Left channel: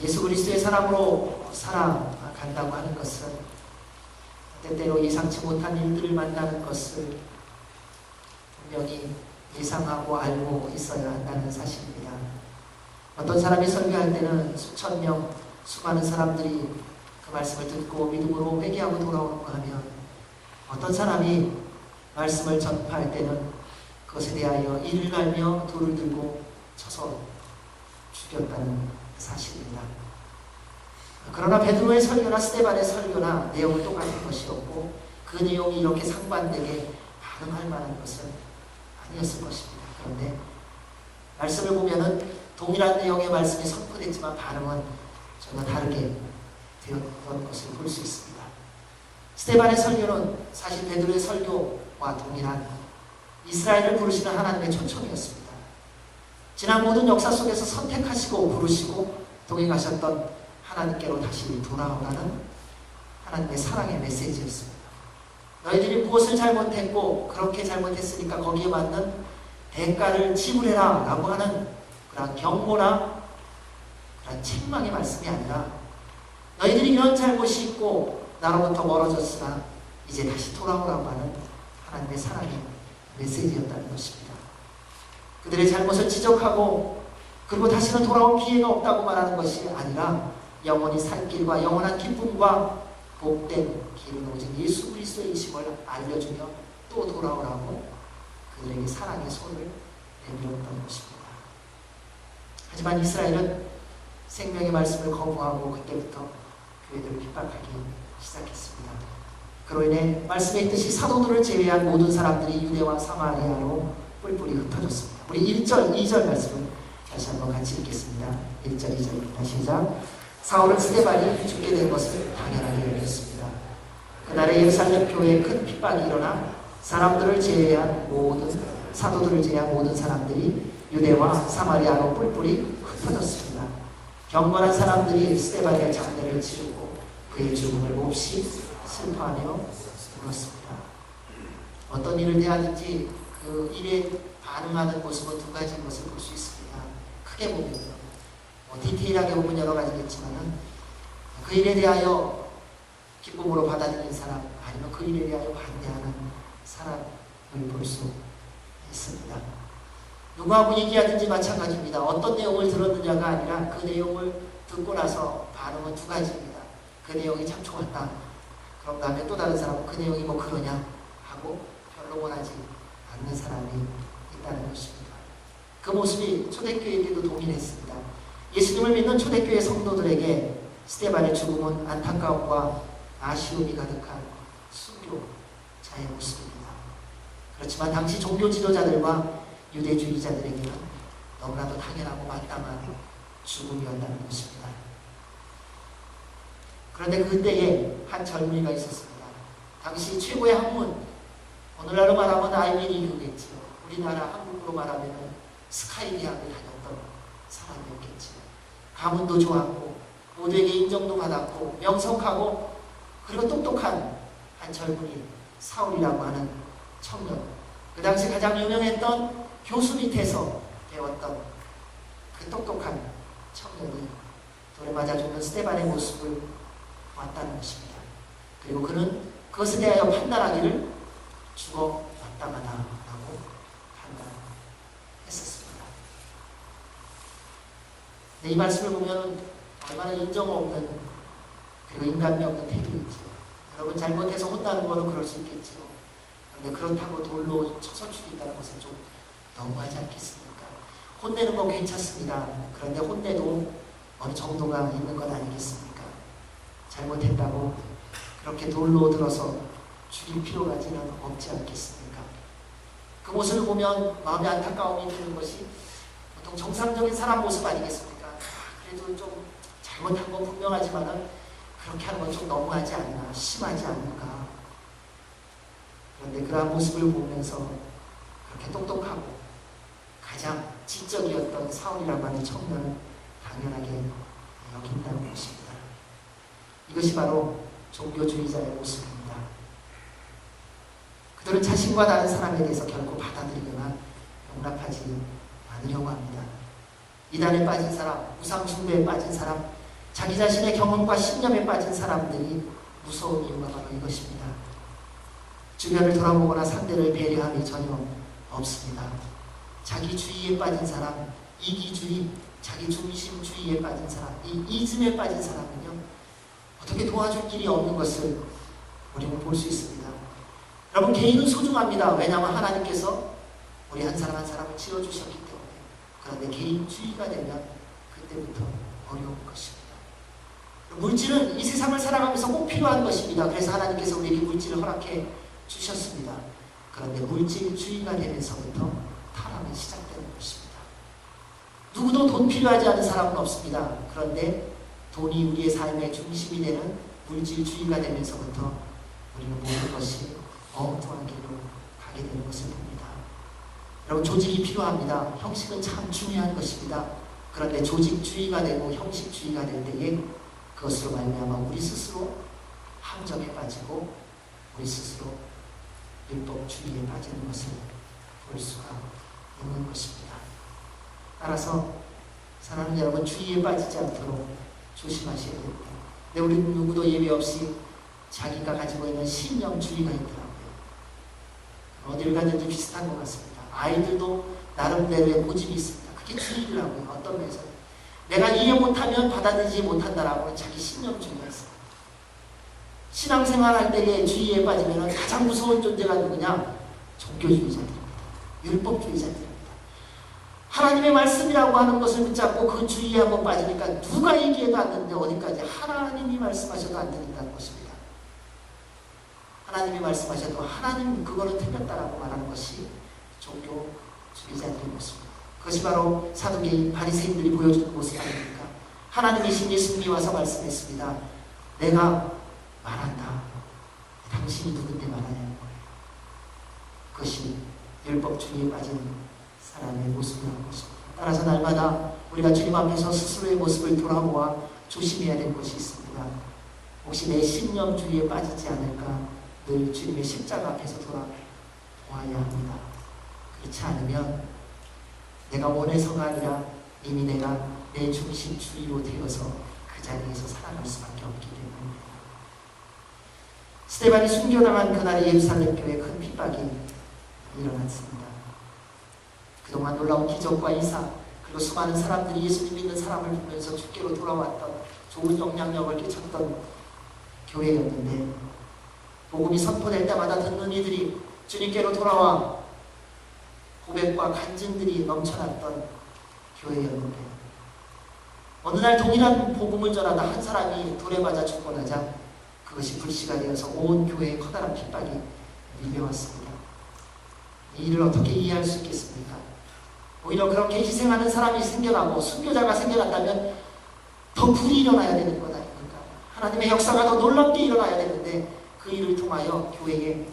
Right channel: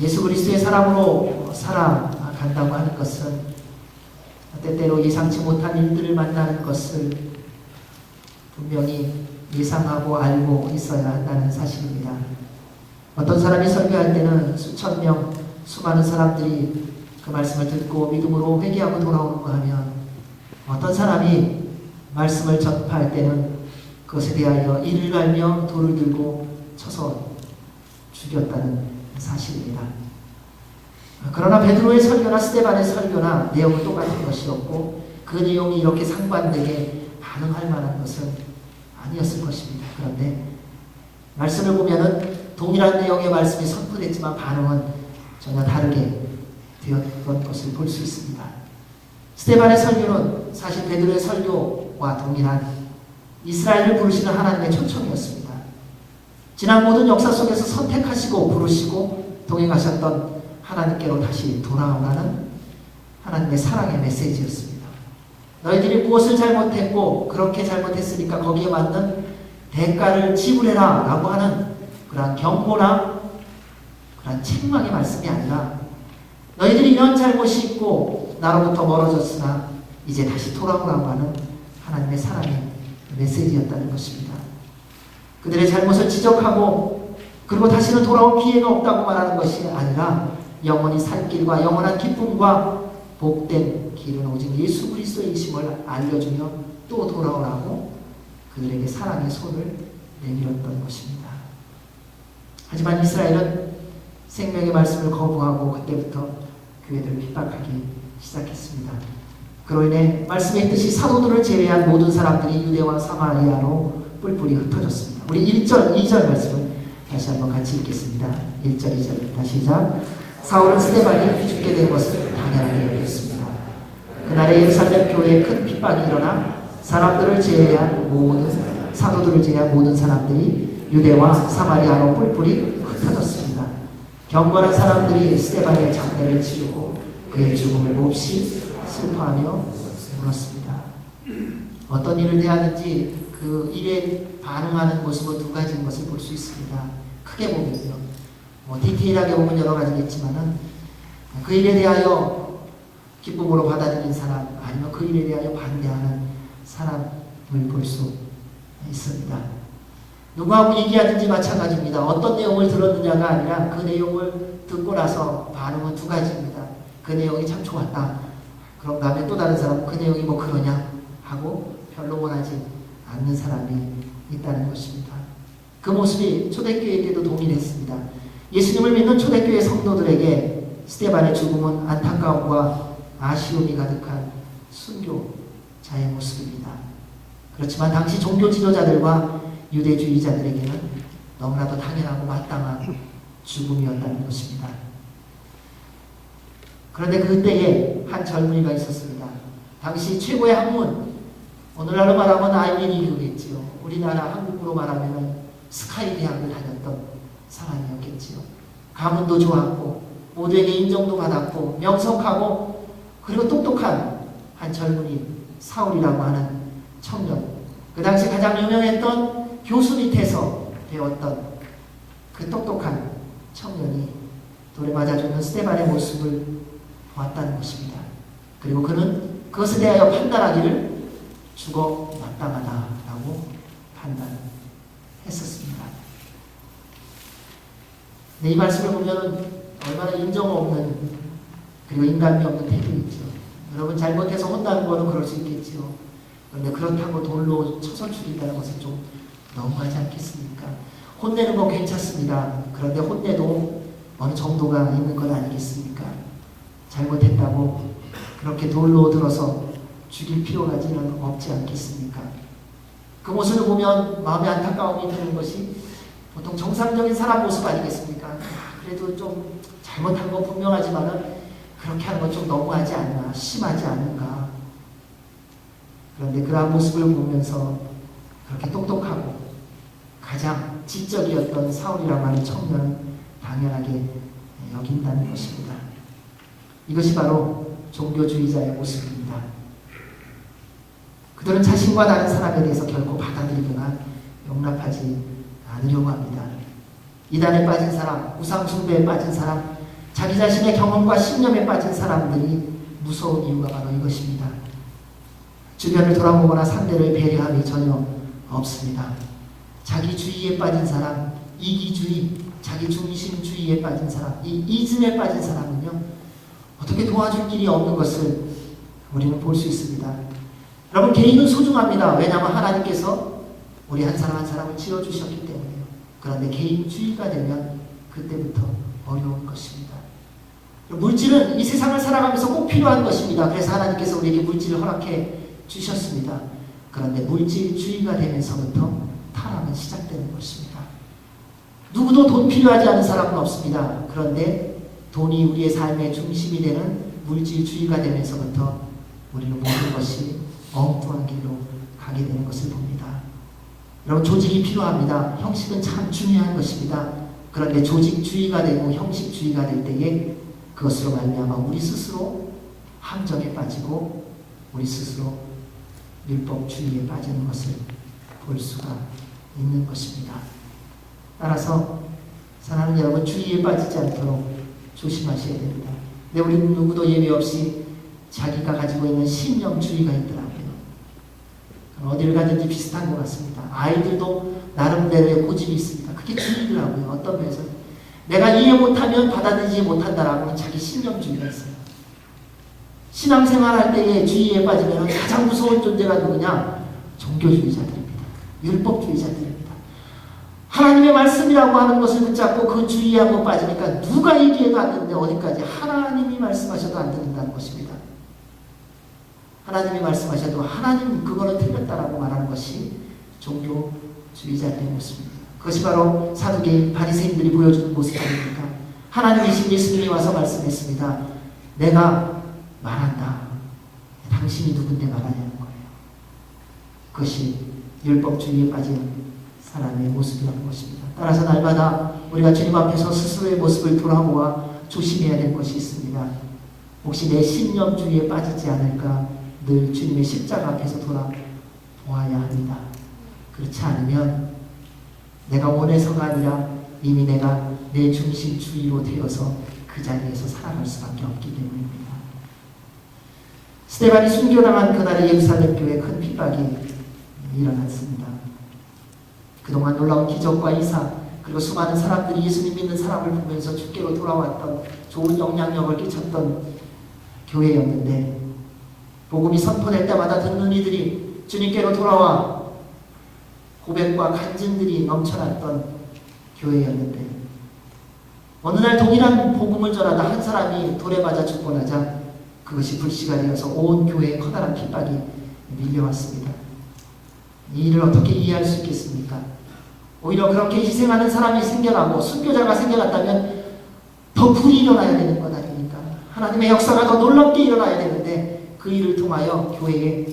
예수 그리스도의 사랑으로 살아간다고 하는 것은 때때로 예상치 못한 일들을 만나는 것을 분명히 예상하고 알고 있어야 한다는 사실입니다. 어떤 사람이 설교할 때는 수천 명, 수많은 사람들이 그 말씀을 듣고 믿음으로 회개하고 돌아오는가 하면, 어떤 사람이 말씀을 전파할 때는 그것에 대하여 이를 갈며 돌을 들고 쳐서 죽였다는 사실입니다. 그러나 베드로의 설교나 스데반의 설교나 내용은 똑같은 것이었고, 그 내용이 이렇게 상반되게 반응할 만한 것은 아니었을 것입니다. 그런데 말씀을 보면은 동일한 내용의 말씀이 선포됐지만 반응은 전혀 다르게 되었던 것을 볼 수 있습니다. 스데반의 설교는 사실 베드로의 설교와 동일한 이스라엘을 부르시는 하나님의 초청이었습니다. 지난 모든 역사 속에서 선택하시고 부르시고 동행하셨던 하나님께로 다시 돌아오라는 하나님의 사랑의 메시지였습니다. 너희들이 무엇을 잘못했고 그렇게 잘못했으니까 거기에 맞는 대가를 지불해라 라고 하는 그러한 경고나 그러한 책망의 말씀이 아니라, 너희들이 이런 잘못이 있고 나로부터 멀어졌으나 이제 다시 돌아오라고 하는 하나님의 사랑의 메시지였다는 것입니다. 그들의 잘못을 지적하고 그리고 다시는 돌아올 기회가 없다고 말하는 것이 아니라, 영원히 살 길과 영원한 기쁨과 복된 길은 오직 예수 그리스도이심을 알려주며 또 돌아오라고 그들에게 사랑의 손을 내밀었던 것입니다. 하지만 이스라엘은 생명의 말씀을 거부하고 그때부터 교회들을 핍박하기 시작했습니다. 그로 인해 말씀에 있듯이 사도들을 제외한 모든 사람들이 유대와 사마리아로 뿔뿔이 흩어졌습니다. 우리 1절, 2절 말씀을 다시 한번 같이 읽겠습니다. 1절, 2절입니다. 시작. 사울은 스데반이 죽게 된 것을 당연하게 여겼습니다. 그날에 예루살렘 교회에 큰 핍박이 일어나 사람들을 제외한 사도들을 제외한 모든 사람들이 유대와 사마리아로 뿔뿔이 흩어졌습니다. 경건한 사람들이 스데반의 장례를 치르고 그의 죽음을 몹시 슬퍼하며 울었습니다. 어떤 일을 대하든지 그 일에 반응하는 모습은 두 가지인 것을 볼 수 있습니다. 크게 보면요, 디테일하게 보면 여러 가지겠지만은, 그 일에 대하여 기쁨으로 받아들인 사람, 아니면 그 일에 대하여 반대하는 사람을 볼 수 있습니다. 누구하고 얘기하든지 마찬가지입니다. 어떤 내용을 들었느냐가 아니라 그 내용을 듣고 나서 반응은 두 가지입니다. 그 내용이 참 좋았다. 그런가 하면 또 다른 사람은 그 내용이 뭐 그러냐 하고 별로 원하지 않는 사람이 있다는 것입니다. 그 모습이 초대교회 때도 동일했습니다. 예수님을 믿는 초대교회 성도들에게 스데반의 죽음은 안타까움과 아쉬움이 가득한 순교자의 모습입니다. 그렇지만 당시 종교 지도자들과 유대주의자들에게는 너무나도 당연하고 마땅한 죽음이었다는 것입니다. 그런데 그때에 한 젊은이가 있었습니다. 당시 최고의 학문, 오늘날로 말하면 아이비리그겠지요. 우리나라 한국으로 말하면 스카이 대학을 다녔던 사람이었겠지요. 가문도 좋았고 모두에게 인정도 받았고 명석하고 그리고 똑똑한 한 젊은이 사울이라고 하는 청년, 그 당시 가장 유명했던 교수 밑에서 배웠던 그 똑똑한 청년이 돌에 맞아 죽는 스데반의 모습을 보았다는 것입니다. 그리고 그는 그것에 대하여 판단하기를 죽어 마땅하다라고 판단했었습니다. 네, 이 말씀을 보면 얼마나 인정 없는 그리고 인간미 없는 태도이죠. 여러분, 잘못해서 혼나는 거는 그럴 수 있겠죠. 그런데 그렇다고 돌로 쳐서 죽인다는 것은 좀 너무하지 않겠습니까? 혼내는 거 괜찮습니다. 그런데 혼내도 어느 정도가 있는 것 아니겠습니까? 잘못했다고 그렇게 돌로 들어서 죽일 필요까지는 없지 않겠습니까? 그 모습을 보면 마음에 안타까움이 드는 것이 보통 정상적인 사람 모습 아니겠습니까? 그래도 좀 잘못한 건 분명하지만은 그렇게 하는 건 좀 너무하지 않나, 심하지 않은가. 그런데 그러한 모습을 보면서 그렇게 똑똑하고 가장 지적이었던 사울이라고 하는 청년은 당연하게 여긴다는 것입니다. 이것이 바로 종교주의자의 모습입니다. 그들은 자신과 다른 사람에 대해서 결코 받아들이거나 용납하지 않으려고 합니다. 이단에 빠진 사람, 우상숭배에 빠진 사람, 자기 자신의 경험과 신념에 빠진 사람들이 무서운 이유가 바로 이것입니다. 주변을 돌아보거나 상대를 배려함이 전혀 없습니다. 자기주의에 빠진 사람, 이기주의, 자기중심주의에 빠진 사람, 이 이즘에 빠진 사람은요, 어떻게 도와줄 길이 없는 것을 우리는 볼 수 있습니다. 여러분, 개인은 소중합니다. 왜냐하면 하나님께서 우리 한 사람 한 사람을 지어주셨기 때문에요. 그런데 개인주의가 되면 그때부터 어려운 것입니다. 물질은 이 세상을 살아가면서 꼭 필요한 것입니다. 그래서 하나님께서 우리에게 물질을 허락해 주셨습니다. 그런데 물질주의가 되면서부터 타락은 시작되는 것입니다. 누구도 돈 필요하지 않은 사람은 없습니다. 그런데 돈이 우리의 삶의 중심이 되는 물질주의가 되면서부터 우리는 모든 것이 엉뚱한 길로 가게 되는 것을 봅니다. 여러분, 조직이 필요합니다. 형식은 참 중요한 것입니다. 그런데 조직주의가 되고 형식주의가 될 때에 그것으로 말미암아 우리 스스로 함정에 빠지고 우리 스스로 율법주의에 빠지는 것을 볼 수가 있는 것입니다. 따라서 사랑하는 여러분, 주의에 빠지지 않도록 조심하셔야 됩니다. 근데 우리는 누구도 예외 없이 자기가 가지고 있는 신념주의가 있더라고요. 어디를 가든지 비슷한 것 같습니다. 아이들도 나름대로의 고집이 있습니다. 그게 주의더라고요. 어떤 면에서 내가 이해 못하면 받아들이지 못한다라고는 자기 신념주의가 있어요. 신앙생활 할 때에 주의에 빠지면 가장 무서운 존재가 누구냐? 종교주의자들입니다. 율법주의자들입니다. 하나님의 말씀이라고 하는 것을 붙잡고 그 주의하고 빠지니까 누가 얘기해도 안 되는데 어디까지 하나님이 말씀하셔도 안 된다는 것입니다. 하나님이 말씀하셔도 하나님 그거는 틀렸다라고 말하는 것이 종교주의자들의 모습입니다. 그것이 바로 사두개인 바리새인들이 보여주는 모습 아닙니까? 하나님이신 예수님이 와서 말씀했습니다. 내가 말한다. 당신이 누군데 말하냐는 거예요. 그것이 율법주의에 빠진 사람의 모습이라는 것입니다. 따라서 날마다 우리가 주님 앞에서 스스로의 모습을 돌아보아 조심해야 될 것이 있습니다. 혹시 내 신념주의에 빠지지 않을까 늘 주님의 십자가 앞에서 돌아보아야 합니다. 그렇지 않으면 내가 원해서가 아니라 이미 내가 내 중심주의로 되어서 그 자리에서 살아갈 수밖에 없기 때문입니다. 스데반이 순교당한 그날의 예루살렘 교회에 큰 핍박이 일어났습니다. 그동안 놀라운 기적과 이사, 그리고 수많은 사람들이 예수님 믿는 사람을 보면서 주께로 돌아왔던 좋은 영향력을 끼쳤던 교회였는데, 복음이 선포될 때마다 듣는 이들이 주님께로 돌아와 고백과 간증들이 넘쳐났던 교회였는데, 어느 날 동일한 복음을 전하다 한 사람이 돌에 맞아 죽고 나자 그것이 불씨가 되어서 온 교회에 커다란 핍박이 밀려왔습니다. 이 일을 어떻게 이해할 수 있겠습니까? 오히려 그렇게 희생하는 사람이 생겨나고 순교자가 생겨났다면 더 불이 일어나야 되는 것 아닙니까? 하나님의 역사가 더 놀랍게 일어나야 되는데 그 일을 통하여 교회에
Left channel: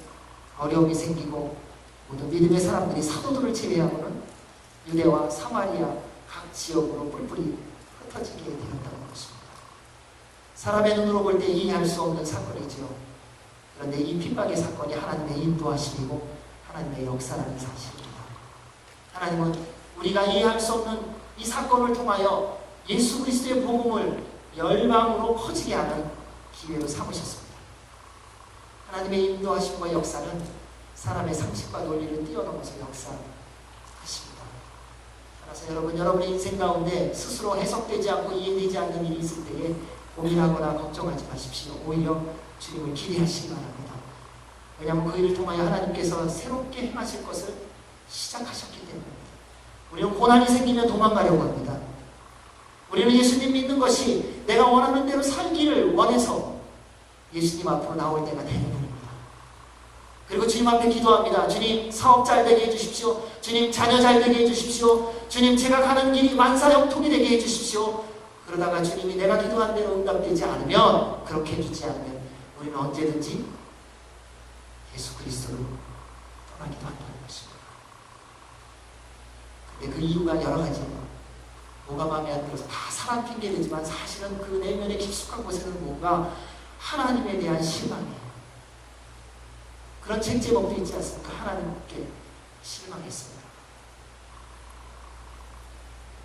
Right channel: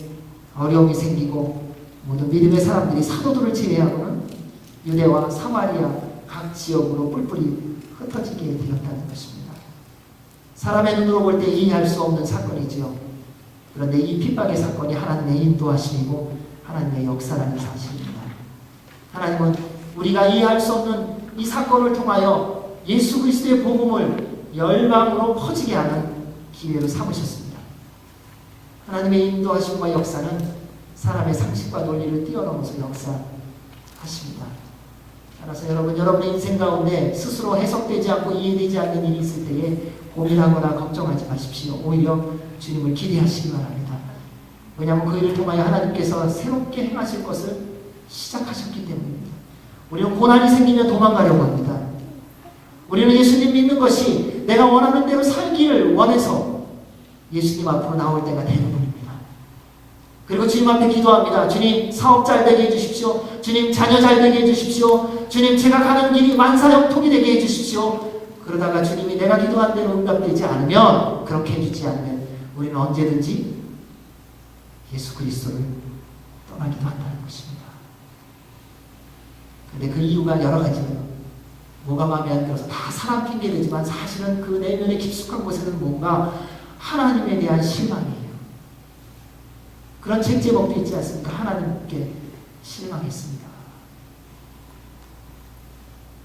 어려움이 생기고 모든 믿음의 사람들이 사도들을 제외하고는 유대와 사마리아 각 지역으로 뿔뿔이 흩어지게 되었다는 것입니다. 사람의 눈으로 볼 때 이해할 수 없는 사건이지요. 그런데 이 핍박의 사건이 하나님의 인도하심이고 하나님의 역사라는 사실입니다. 하나님은 우리가 이해할 수 없는 이 사건을 통하여 예수 그리스도의 복음을 열방으로 퍼지게 하는 기회로 삼으셨습니다. 하나님의 인도하심과 역사는 사람의 상식과 논리를 뛰어넘어서 역사하십니다. 따라서 여러분의 인생 가운데 스스로 해석되지 않고 이해되지 않는 일이 있을 때에 고민하거나 걱정하지 마십시오. 오히려 주님을 기대하시기 바랍니다. 왜냐하면 그 일을 통하여 하나님께서 새롭게 행하실 것을 시작하셨기 때문입니다. 우리는 고난이 생기면 도망가려고 합니다. 우리는 예수님 믿는 것이 내가 원하는 대로 살기를 원해서 예수님 앞으로 나올 때가 대부분입니다. 그리고 주님 앞에 기도합니다. 주님, 사업 잘 되게 해주십시오. 주님, 자녀 잘 되게 해주십시오. 주님, 제가 가는 길이 만사형통이 되게 해주십시오. 그러다가 주님이 내가 기도한 대로 응답되지 않으면, 그렇게 해주지 않으면 우리는 언제든지 예수 그리스도를 떠나기도 한다는 것입니다. 근데 그 이유가 여러 가지예요. 뭐가 마음에 안 들어서 다 사람 핑계되지만 사실은 그 내면의 깊숙한 곳에는 뭔가 하나님에 대한 실망이에요. 그런 책 제목도 있지 않습니까? 하나님께 실망했습니다.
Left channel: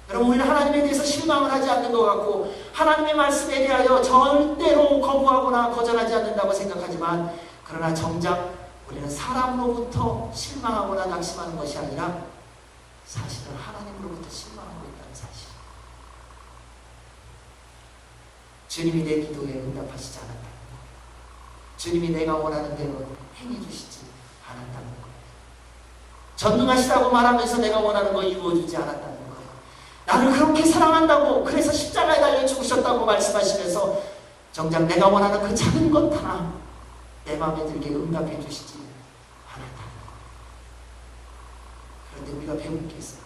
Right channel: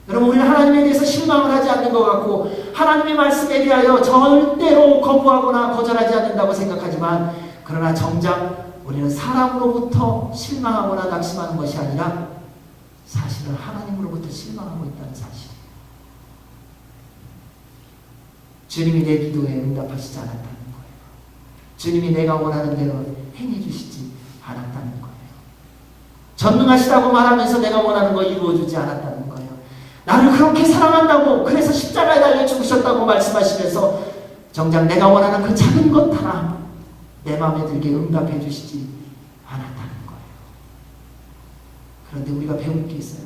여러분, 우리는 하나님에 대해서 실망을 하지 않는 것 같고 하나님의 말씀에 대하여 절대로 거부하거나 거절하지 않는다고 생각하지만, 그러나 정작 우리는 사람으로부터 실망하거나 낙심하는 것이 아니라 사실은 하나님으로부터 실망하고 있다는 사실. 주님이 내 기도에 응답하시지 않았다는 거예요. 주님이 내가 원하는 대로 행해 주시지 않았다는 거예요. 전능하시다고 말하면서 내가 원하는 거 이루어주지 않았다는 거예요. 나를 그렇게 사랑한다고, 그래서 십자가에 달려 죽으셨다고 말씀하시면서 정작 내가 원하는 그 작은 것 하나 내 마음에 들게 응답해 주시지 않았다는 거예요. 그런데 우리가 배울 게 있어요.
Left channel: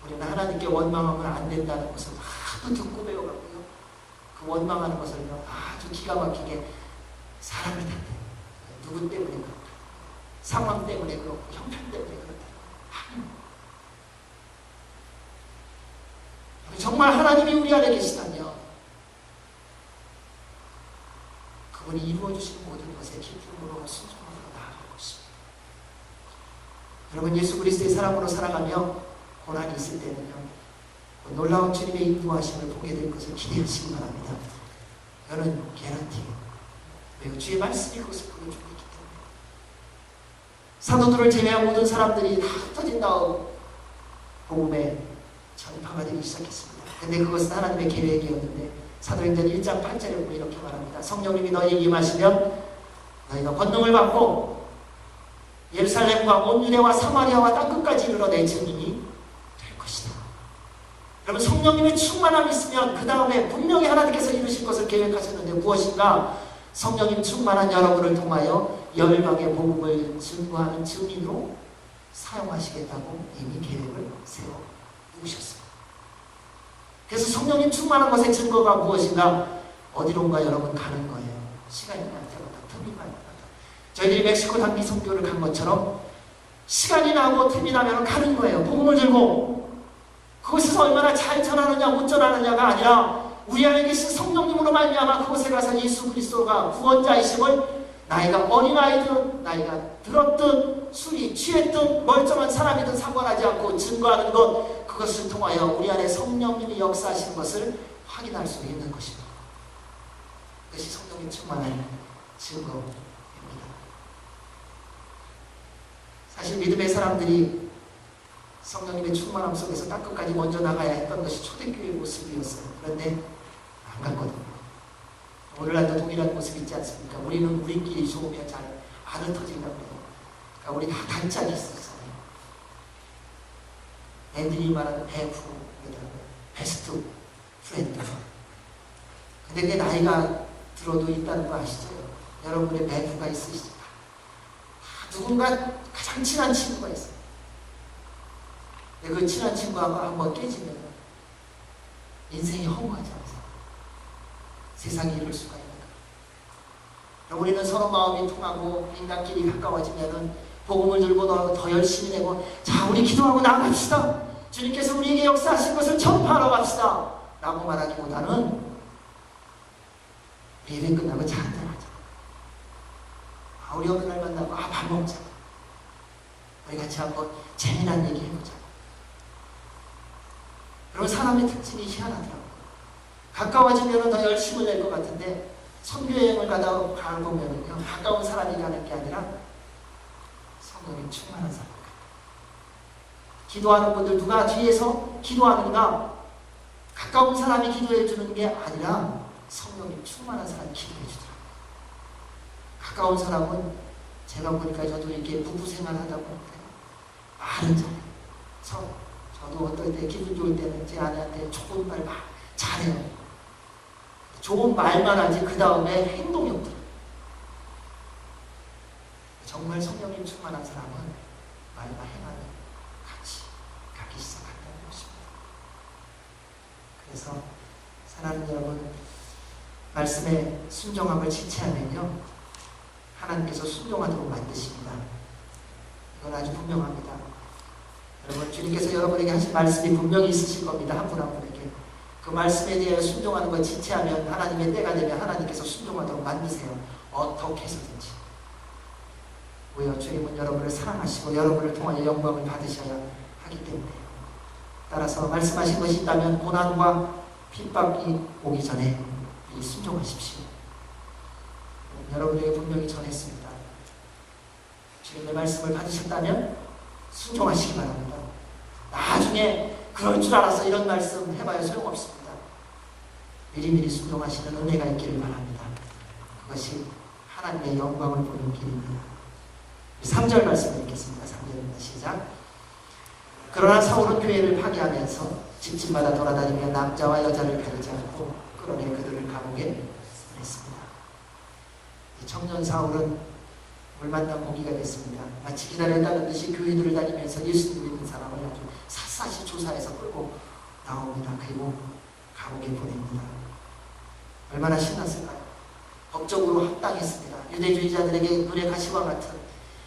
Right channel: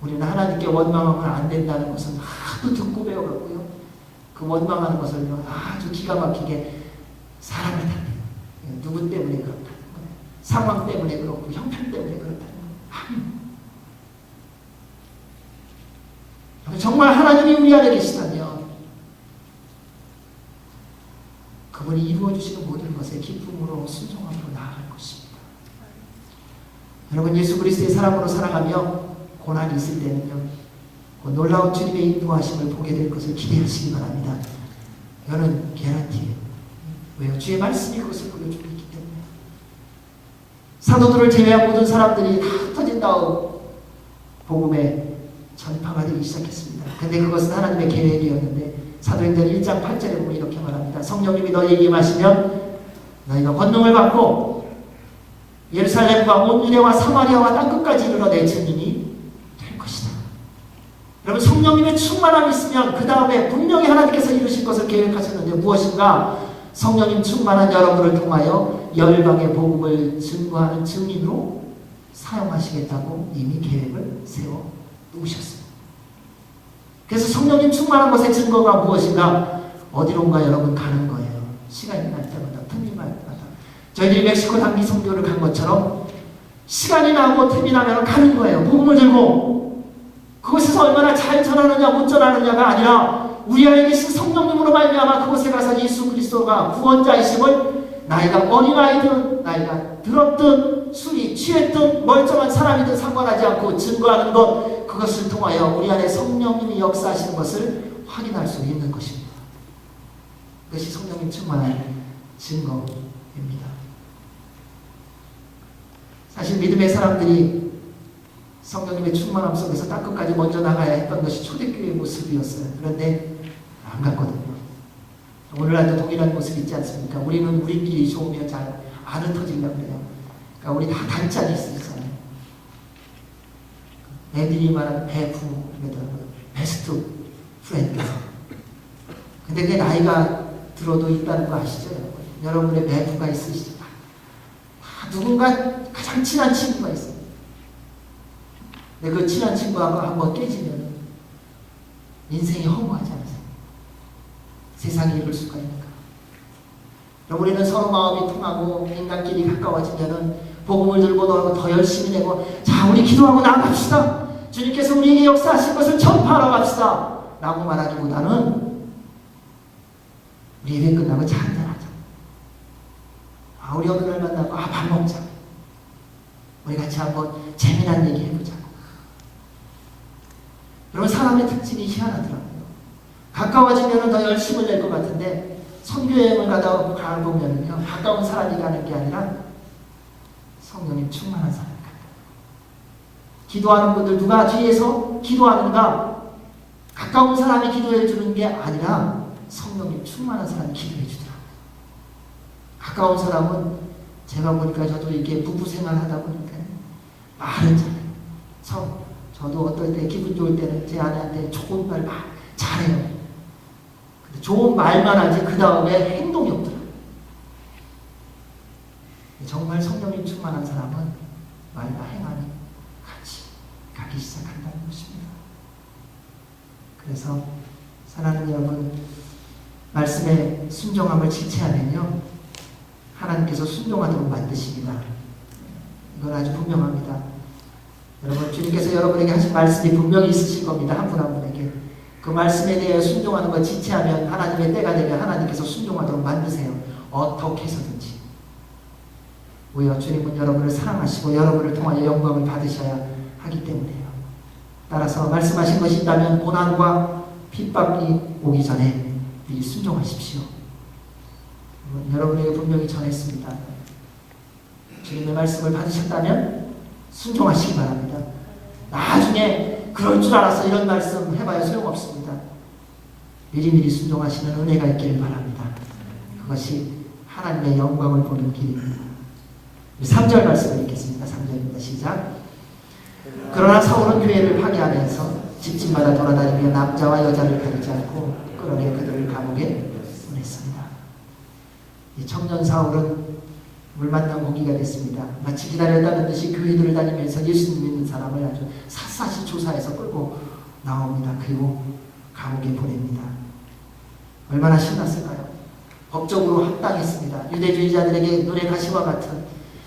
우리는 하나님께 원망하면 안 된다는 것은 하도 듣고 배워갔고요. 그 원망하는 것을 아주 기가 막히게 사람을 탓해요. 누구 때문에 그렇다는 거예요. 상황 때문에 그렇고 형편 때문에 그렇다는 거예요. 정말 하나님이 우리 안에 계시다면 그분이 이루어주시는 모든 것에 기쁨으로 순종함으로 나아갈 것입니다. 여러분, 예수 그리스도의 사람으로 살아가며 고난이 있을 때는요, 그 놀라운 주님의 인도하심을 보게 될 것을 기대하시기 바랍니다. 이거는 개런티예요. 왜요? 주의 말씀이 그것을 보여주고 있기 때문에. 사도들을 제외한 모든 사람들이 다 흩어진 다음 복음의 전파가 되기 시작했습니다. 근데 그것은 하나님의 계획이었는데, 사도행전 1장 8절에 보면 이렇게 말합니다. 성령님이 너희에게 임하시면 너희가 권능을 받고 예루살렘과 온 유대와 사마리아와 땅끝까지 이르러 내 증인이 될 것이다. 여러분, 성령님의 충만함이 있으면 그 다음에 분명히 하나님께서 이루실 것을 계획하셨는데, 무엇인가? 성령님 충만한 여러분을 통하여 열방의 복음을 증거하는 증인으로 사용하시겠다고 이미 계획을 세워 놓으셨습니다. 그래서 성령님 충만한 것의 증거가 무엇인가? 어디론가 여러분 가는 거예요. 시간이 날 때마다, 틈이 날 때마다. 저희들이 멕시코 단기 선교를 간 것처럼 시간이 나고 틈이 나면 가는 거예요. 복음을 들고. 그곳에서 얼마나 잘 전하느냐 못 전하느냐가 아니라 우리 안에 계신 성령님으로 말미암아 그곳에 가서 예수 그리스도가 구원자이심을, 나이가 어린아이든 나이가 들었든 술이 취했든 멀쩡한 사람이든 상관하지 않고 증거하는 것, 그것을 통하여 우리 안에 성령님이 역사하시는 것을 확인할 수 있는 것입니다. 그것이 성령님 충만한 증거입니다. 사실 믿음의 사람들이 성령님의 충만함 속에서 땅끝까지 먼저 나가야 했던 것이 초대교회의 모습이었어요. 그런데 안 갔거든요. 오늘날도 동일한 모습이 있지 않습니까? 우리는 우리끼리 좋으면 잘 안 흩어지려고 해요. 그러니까 우리 다 단짝이 있어요. 애들이 말하는 배프, 베스트 프렌드. 근데 그게 나이가 들어도 있다는 거 아시죠? 여러분의 배프가 있으시죠? 누군가 가장 친한 친구가 있어요. 근데 그 친한 친구하고 한번 깨지면 인생이 허무하지 않으세요? 세상이 이럴 수가 있는가? 우리는 서로 마음이 통하고 인간끼리 가까워지면은 복음을 들고 더 열심히 내고, 자, 우리 기도하고 나아갑시다. 주님께서 우리에게 역사하신 것을 전파하러 갑시다. 라고 말하기보다는 우리 예배 끝나고 차 한잔하자. 우리 어느 날 만나고 밥 먹자. 우리 같이 한번 재미난 얘기 해보자. 여러분, 사람의 특징이 희한하더라고요. 가까워지면 더 열심을 낼 것 같은데 선교여행을 가보면은요, 가까운 사람이 가는 게 아니라 성령님 충만한 사람이 간다. 기도하는 분들 누가 뒤에서 기도하는가? 가까운 사람이 기도해 주는 게 아니라 성령님 충만한 사람이 기도해 주더라고요. 가까운 사람은 제가 보니까 저도 이렇게 부부 생활 하다 보니까 말은 잘해요. 저도 어떨 때 기분 좋을 때는 제 아내한테 좋은 말 잘해요. 근데 좋은 말만 하지 그 다음에 행동이 없더라고요. 정말 성령님 충만한 사람은 말과 행함이 같이 가기 시작한다는 것입니다. 그래서 사랑하는 여러분, 말씀에 순종함을 지체하면요, 하나님께서 순종하도록 만드십니다. 이건 아주 분명합니다. 여러분, 주님께서 여러분에게 하신 말씀이 분명히 있으실 겁니다. 한 분 한 분에게. 그 말씀에 대해 순종하는 것 지체하면, 하나님의 때가 되면 하나님께서 순종하도록 만드세요. 어떻게 해서든지. 왜요? 주님은 여러분을 사랑하시고 여러분을 통하여 영광을 받으셔야 하기 때문에요. 따라서 말씀하신 것이 있다면 고난과 핍박이 오기 전에 미리 순종하십시오. 여러분에게 분명히 전했습니다. 주님의 말씀을 받으셨다면 순종하시기 바랍니다. 나중에 그럴 줄 알았어 이런 말씀 해봐야 소용없습니다. 미리미리 순종하시는 은혜가 있기를 바랍니다. 그것이 하나님의 영광을 보는 길입니다. 3절 말씀을 읽겠습니다. 3절입니다. 시작. 그러나 사울은 교회를 파괴하면서 집집마다 돌아다니며 남자와 여자를 가리지 않고 끌어내 그들을 감옥에 보냈습니다. 이 청년 사울은 물 만난 고기가 됐습니다. 마치 기다렸다는 듯이 교회들을 다니면서 예수님 믿는 사람을 아주 샅샅이 조사해서 끌고 나옵니다. 그리고 감옥에 보냅니다. 얼마나 신났을까요? 법적으로 합당했습니다. 유대주의자들에게 눈의 가시와 같은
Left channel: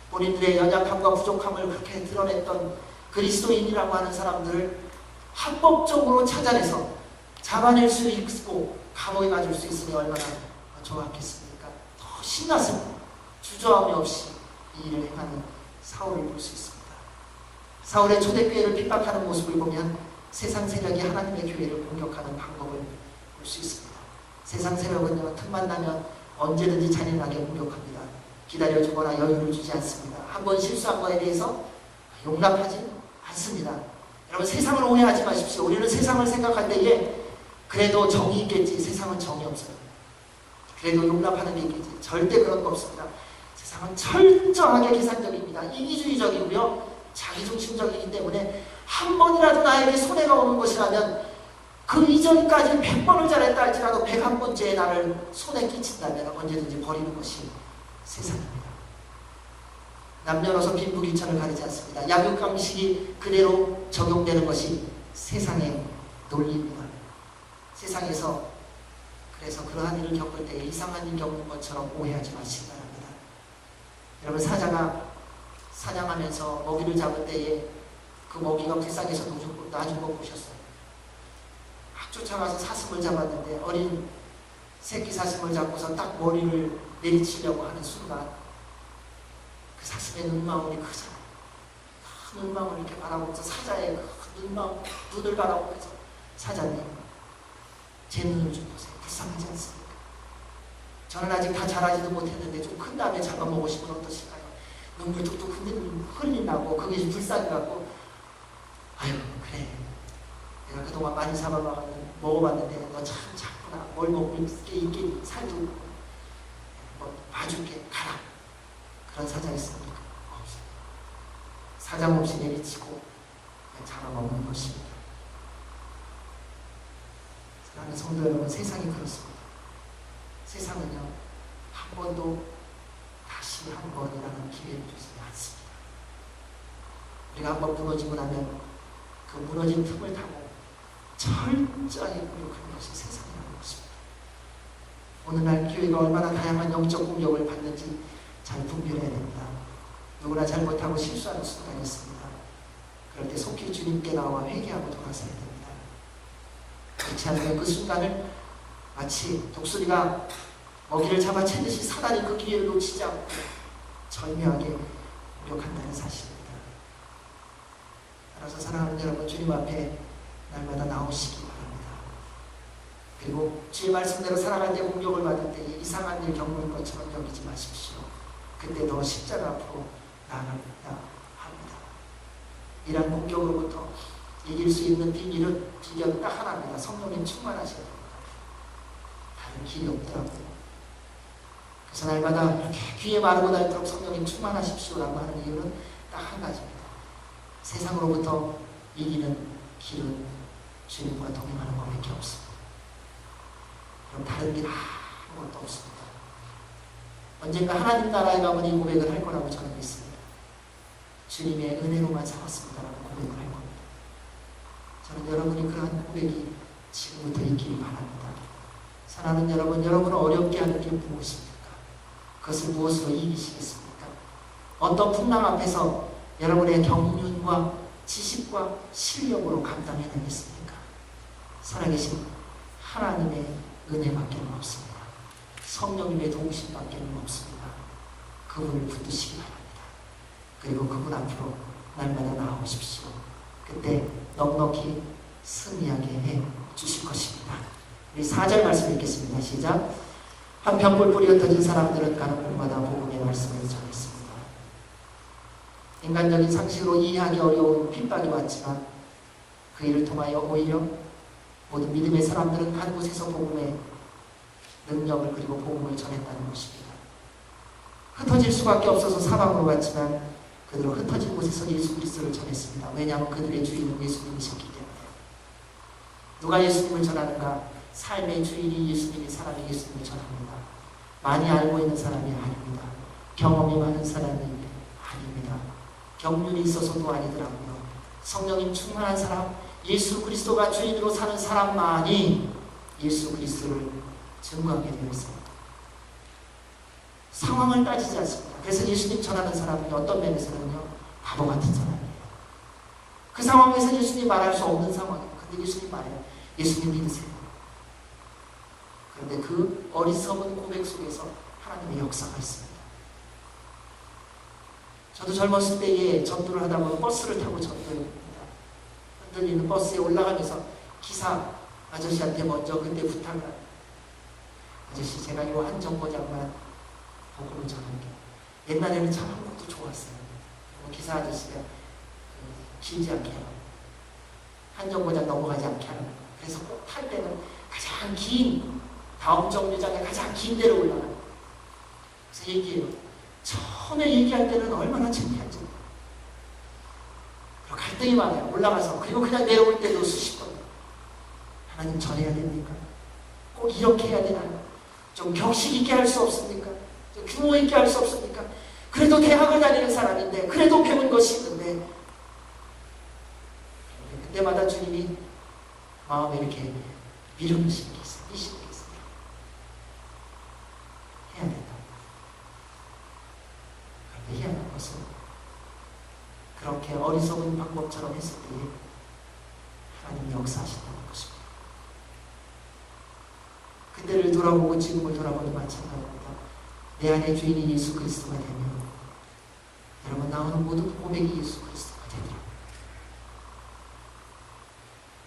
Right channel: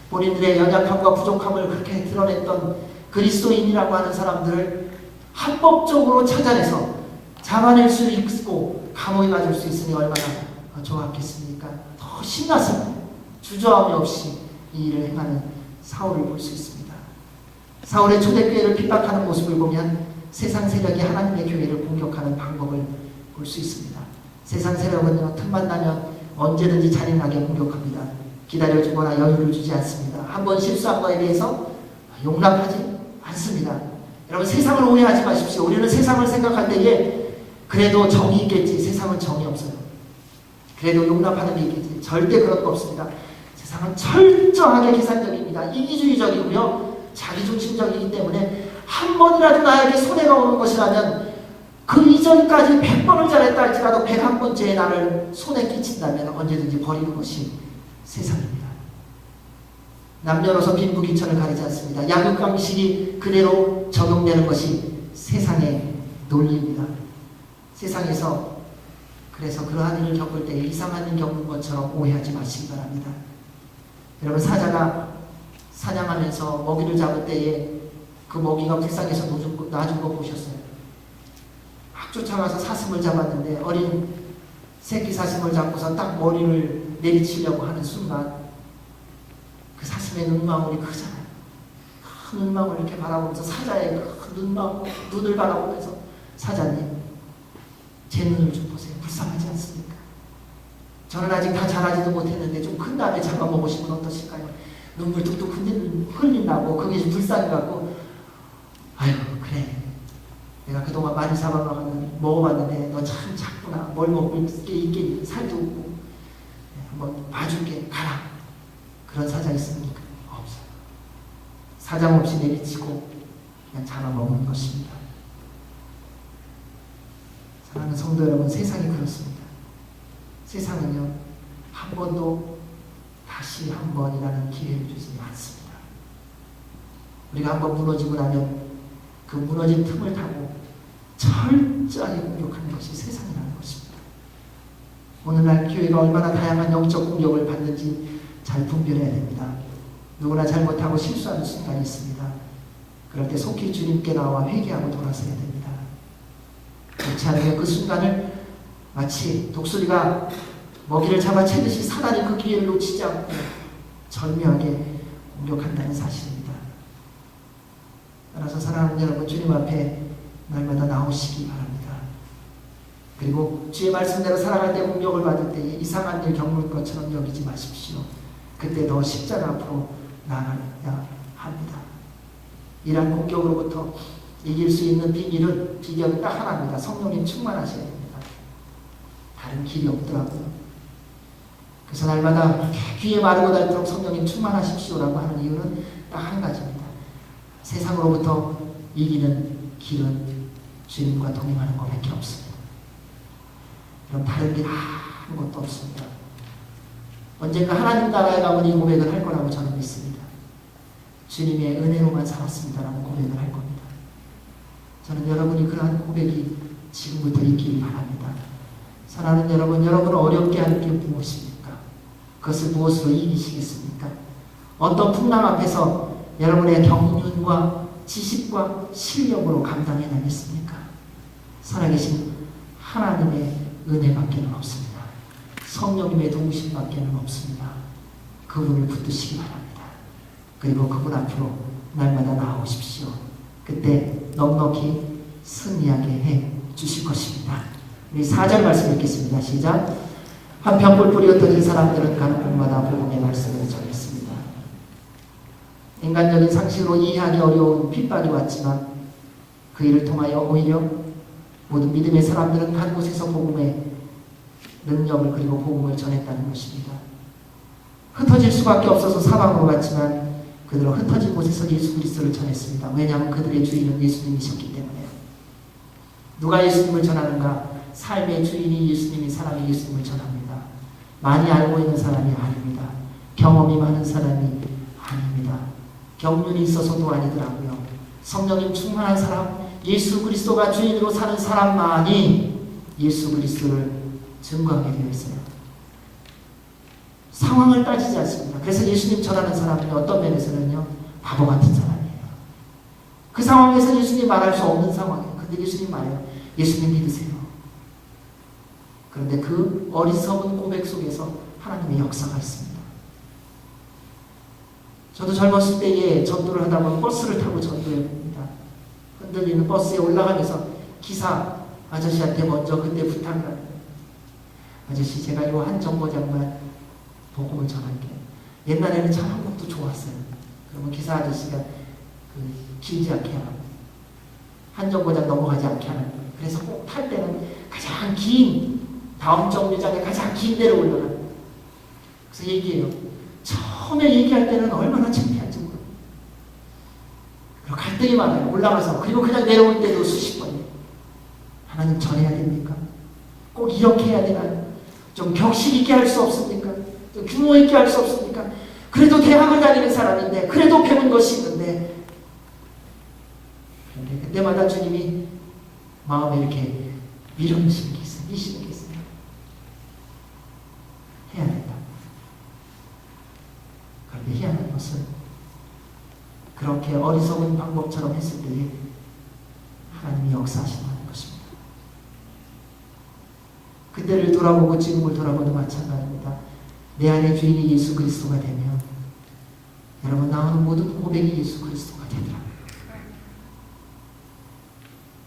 본인들의 연약함과 부족함을 그렇게 드러냈던 그리스도인이라고 하는 사람들을 합법적으로 찾아내서 잡아낼 수 있고 감옥에 가둘 수 있으니 얼마나 좋았겠습니까? 더 신났습니다. 주저함이 없이 이 일을 행하는 사울을 볼 수 있습니다. 사울의 초대교회를 핍박하는 모습을 보면 세상 세력이 하나님의 교회를 공격하는 방법을 볼 수 있습니다. 세상 세력은요, 틈만 나면 언제든지 잔인하게 공격합니다. 기다려주거나 여유를 주지 않습니다. 한번 실수한 거에 대해서 용납하지 않습니다. 여러분, 세상을 오해하지 마십시오. 우리는 세상을 생각할 때에 그래도 정이 있겠지. 세상은 정이 없어요. 그래도 용납하는 게 있겠지. 절대 그런 거 없습니다. 세상은 철저하게 계산적입니다. 이기주의적이고요. 자기중심적이기 때문에 한 번이라도 나에게 손해가 오는 것이라면 그 이전까지 100번을 잘했다 할지라도 101번째에 나를 손에 끼친다면 언제든지 버리는 것이 세상입니다. 남녀노소 빈부귀천을 가리지 않습니다. 약육강식이 그대로 적용되는 것이 세상의 논리입니다. 세상에서 그래서 그러한 일을 겪을 때 이상한 일 겪는 것처럼 오해하지 마시기 바랍니다. 여러분, 사자가 사냥하면서 먹이를 잡을 때에 그 먹이가 불쌍해서 놔준 거 보셨어요? 막 쫓아가서 사슴을 잡았는데 어린 새끼 사슴을 잡고서 딱 머리를 내리치려고 하는 순간 그 사슴의 눈망울이 크잖아요. 큰 눈망울을 이렇게 바라보면서 사자의 큰 눈을 바라보면서 사자님, 제 눈을 좀 보세요. 불쌍하지 않습니까? 저는 아직 다 자라지도 못했는데 좀 큰 다음에 잡아먹으시면 어떠실까요? 눈물 뚝뚝 흘린다고 그게 불쌍해갖고 아이고 그래 내가 그동안 많이 먹어봤는데 너 참 작구나. 뭘 먹을 게 있겠니? 살도 없고 한번 봐줄게. 가라. 그런 사자 있습니까? 없어요. 사장 없이 내리치고 그냥 잡아먹는 것입니다. 사랑하는 성도 여러분, 세상이 그렇습니다. 세상은요, 한 번도 다시 한 번이라는 기회를 주지 않습니다. 우리가 한번 무너지고 나면 그 무너진 틈을 타고 철저하게 공격하는 것이 세상이라는 것입니다. 오늘날 교회가 얼마나 다양한 영적 공격을 받는지 잘 분별해야 됩니다. 누구나 잘못하고 실수하는 순간이 있습니다. 그럴 때 속히 주님께 나와 회개하고 돌아서야 됩니다. 그렇지 않으면 그 순간을 마치 독수리가 먹이를 잡아채듯이 사단이 그 기회를 놓치지 않고 절묘하게 공격한다는 사실입니다. 따라서 사랑하는 여러분, 주님 앞에 날마다 나오시기 바랍니다. 그리고 주의 말씀대로 살아갈 때 공격을 받을 때에 이상한 일 겪는 것처럼 여기지 마십시오. 그때 더 십자가 앞으로 나아가야 합니다. 이러한 공격으로부터 이길 수 있는 비결은 딱 하나입니다. 성령님 충만하셔야 됩니다. 다른 길이 없더라고요. 그래서 날마다 이렇게 귀에 마르고 닳도록 성령님 충만하십시오라고 하는 이유는 딱 한 가지입니다. 세상으로부터 이기는 길은 주님과 동행하는 것밖에 없습니다. 그럼 다른 길 아무것도 없습니다. 언젠가 하나님 나라에 가면 이 고백을 할 거라고 저는 믿습니다. 주님의 은혜로만 살았습니다라는 고백을 할 겁니다. 저는 여러분이 그러한 고백이 지금부터 있기를 바랍니다. 사랑하는 여러분, 여러분을 어렵게 하는 게 무엇입니까? 그것을 무엇으로 이기시겠습니까? 어떤 풍랑 앞에서 여러분의 경륜과 지식과 실력으로 감당해내겠습니까? 살아계신 하나님의 은혜밖에는 없습니다. 성령님의 도우심밖에는 없습니다. 그분을 붙드시기 바랍니다. 그리고 그분 앞으로 날마다 나아오십시오. 그때 넉넉히 승리하게 해 주실 것입니다. 우리 4절 말씀 읽겠습니다. 시작. 한편 뿔뿔이 흩어진 사람들은 가는 곳마다 복음의 말씀을 전했습니다. 인간적인 상식으로 이해하기 어려운 핍박이 왔지만 그 일을 통하여 오히려 모든 믿음의 사람들은 간 곳에서 복음의 능력을 그리고 복음을 전했다는 것입니다. 흩어질 수밖에 없어서 사방으로 갔지만 그들은 흩어진 곳에서 예수 그리스도를 전했습니다. 왜냐하면 그들의 주인은 예수님이셨기 때문에요. 누가 예수님을 전하는가? 삶의 주인이 예수님인 사람이 예수님을 전합니다. 많이 알고 있는 사람이 아닙니다. 경험이 많은 사람이 아닙니다. 경륜이 있어서도 아니더라고요. 성령님 충만한 사람, 예수 그리스도가 주인으로 사는 사람만이 예수 그리스도를 증거하게 되어 있어요. 상황을 따지지 않습니다. 그래서 예수님 전하는 사람은 어떤 면에서는요, 바보 같은 사람이에요. 그 상황에서 예수님 말할 수 없는 상황이에요. 근데 예수님 말해요. 예수님 믿으세요. 그런데 그 어리석은 고백 속에서 하나님의 역사가 있습니다. 저도 젊었을 때에 전도를 하다 보면 버스를 타고 전도해 봅니다. 흔들리는 버스에 올라가면서 기사 아저씨한테 먼저 그때 부탁을 합니다. 아저씨, 제가 요 한 정거장만 복음을 전할게요. 옛날에는 참 한국도 좋았어요. 그러면 기사 아저씨가 길지 않게 하라고, 한 정거장 넘어가지 않게 하라고. 그래서 꼭 탈 때는 가장 긴, 다음 정류장에 가장 긴 데로 올라가는 거예요. 그래서 얘기해요. 처음에 얘기할 때는 얼마나 창피한지 몰라요. 그리고 갈등이 많아요. 올라가서. 그리고 그냥 내려올 때도 수십 번이에요. 하나님 전해야 됩니까? 꼭 이렇게 해야 되나요? 좀 격식 있게 할 수 없습니까? 좀 규모 있게 할 수 없습니까? 그래도 대학을 다니는 사람인데, 그래도 배운 것이 있는데, 그런데 그때마다 주님이 마음에 이렇게 밀어넣으시는 게 있어요. 미시는 게 있어요. 해야 된다. 그런데 희한한 것은 그렇게 어리석은 방법처럼 했을 때에 하나님이 역사하신다는 것입니다. 그때를 돌아보고 지금을 돌아봐도 마찬가지입니다. 내 안에 주인이 예수 그리스도가 되면 여러분 나오는 모든 고백이 예수 그리스도가 되더라고요.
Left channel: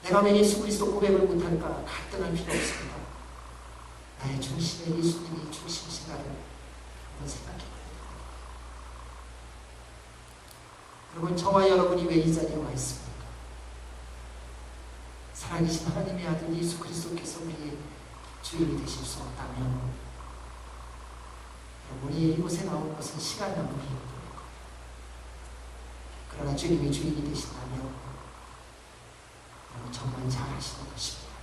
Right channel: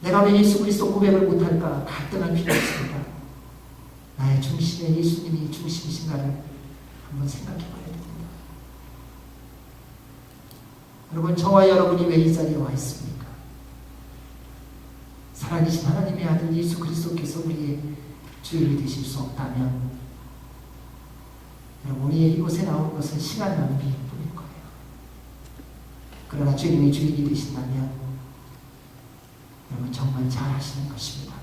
내가 왜 예수 그리스도 고백을 못할까? 갈등할 필요 없습니다. 나의 중심에 예수님이 중심이신가를 한번 생각해 봐야 됩니다. 여러분, 저와 여러분이 왜 이 자리에 와 있습니까? 살아계신 하나님의 아들 예수 그리스도께서 우리의 주인이 되실 수 없다면 여러분, 우리 이곳에 나온 것은 시간 낭비일 뿐일 거예요. 그러나 주님이 주인이 되신다면 여러분 정말 잘하시는 것입니다.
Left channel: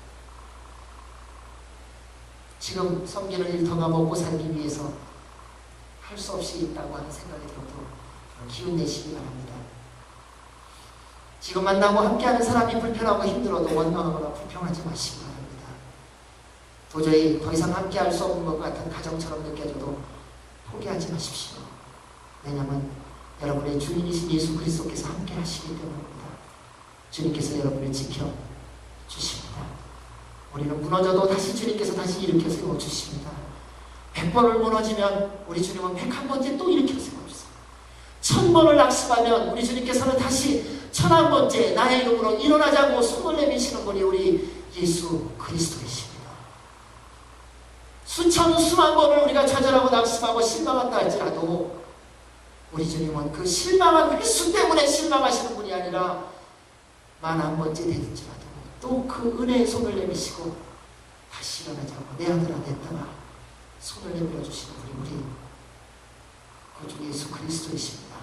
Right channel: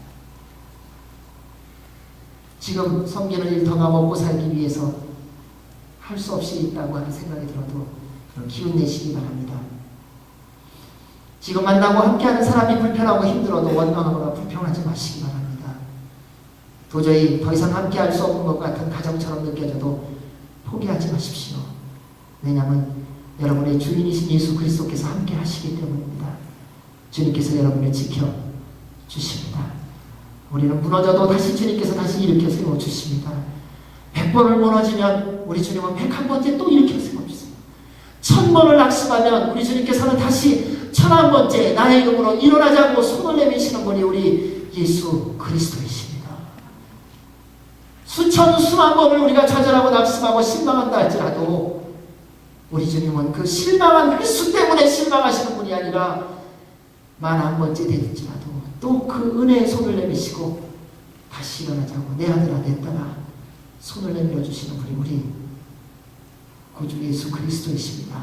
지금 섬기는 일터가 먹고 살기 위해서 할 수 없이 있다고 하는 생각이 들어도 기운 내시기 바랍니다. 지금 만나고 함께하는 사람이 불편하고 힘들어도 원망하거나 불평하지 마시기 바랍니다. 도저히 더 이상 함께할 수 없는 것 같은 가정처럼 느껴져도 포기하지 마십시오. 왜냐하면 여러분의 주인이신 예수 그리스도께서 함께 하시기 때문입니다. 주님께서 여러분을 지켜주십니다. 우리는 무너져도 다시 주님께서 다시 일으켜 세워주십니다. 100번을 무너지면 우리 주님은 101번째 또 일으켜 세워주십니다. 1000번을 낙심하면 우리 주님께서는 다시 1001번째 나의 이름으로 일어나자고 손을 내미시는 분이 우리 예수 그리스도이십니다. 수천 수만 번을 우리가 좌절하고 낙심하고 실망한다 할지라도 우리 주님은 그 실망한 횟수 때문에 실망하시는 분이 아니라 10,000번째 되든지라도 또 그 은혜의 손을 내미시고 다시 일어나자고 내 아들아 냈다가 손을 내밀어 주시는 분이 우리 구주 예수 그리스도이십니다.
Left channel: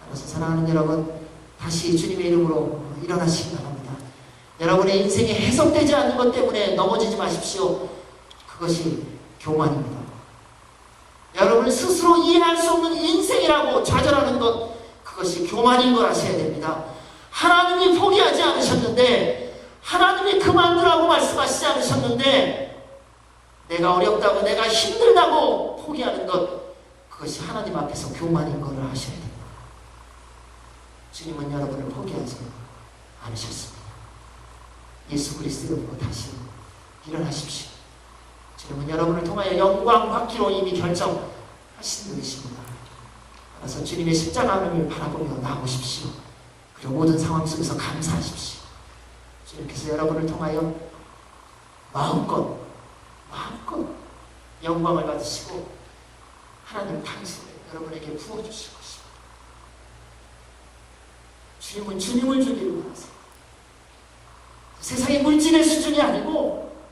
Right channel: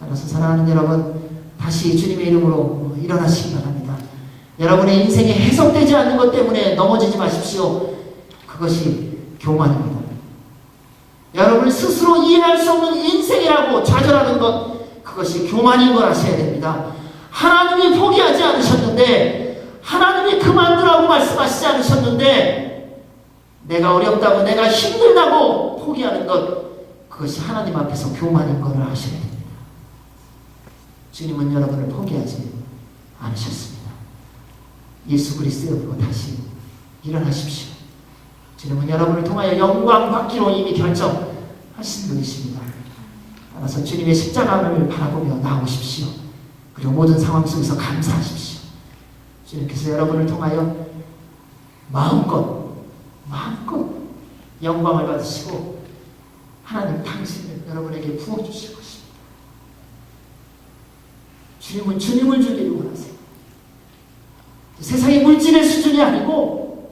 따라서 사랑하는 여러분, 다시 주님의 이름으로 일어나시기 바랍니다. 여러분의 인생에 해석되지 않는 것 때문에 넘어지지 마십시오. 그것이 교만입니다. 여러분 스스로 이해할 수 없는 인생이라고 좌절하는 것, 그것이 교만인 걸 아셔야 됩니다. 하나님이 포기하지 않으셨는데, 하나님이 그만두라고 말씀하시지 않으셨는데, 내가 어렵다고 내가 힘들다고 포기하는 것, 그것이 하나님 앞에서 교만인 것을 아셔야 됩니다. 주님은 여러분을 포기하지 않으셨습니다. 예수 그리스도의 이름으로 다시 일어나십시오. 주님은 여러분을 통하여 영광 받기로 이미 결정하신 분이십니다. 따라서 주님의 십자가를 바라보며 나오십시오. 그리고 모든 상황 속에서 감사하십시오. 주님께서 여러분을 통하여 마음껏 영광을 받으시고 하나님 당신을 여러분에게 부어주실 것입니다. 주님은 주님을 주기를 원하세요. 세상의 물질의 수준이 아니고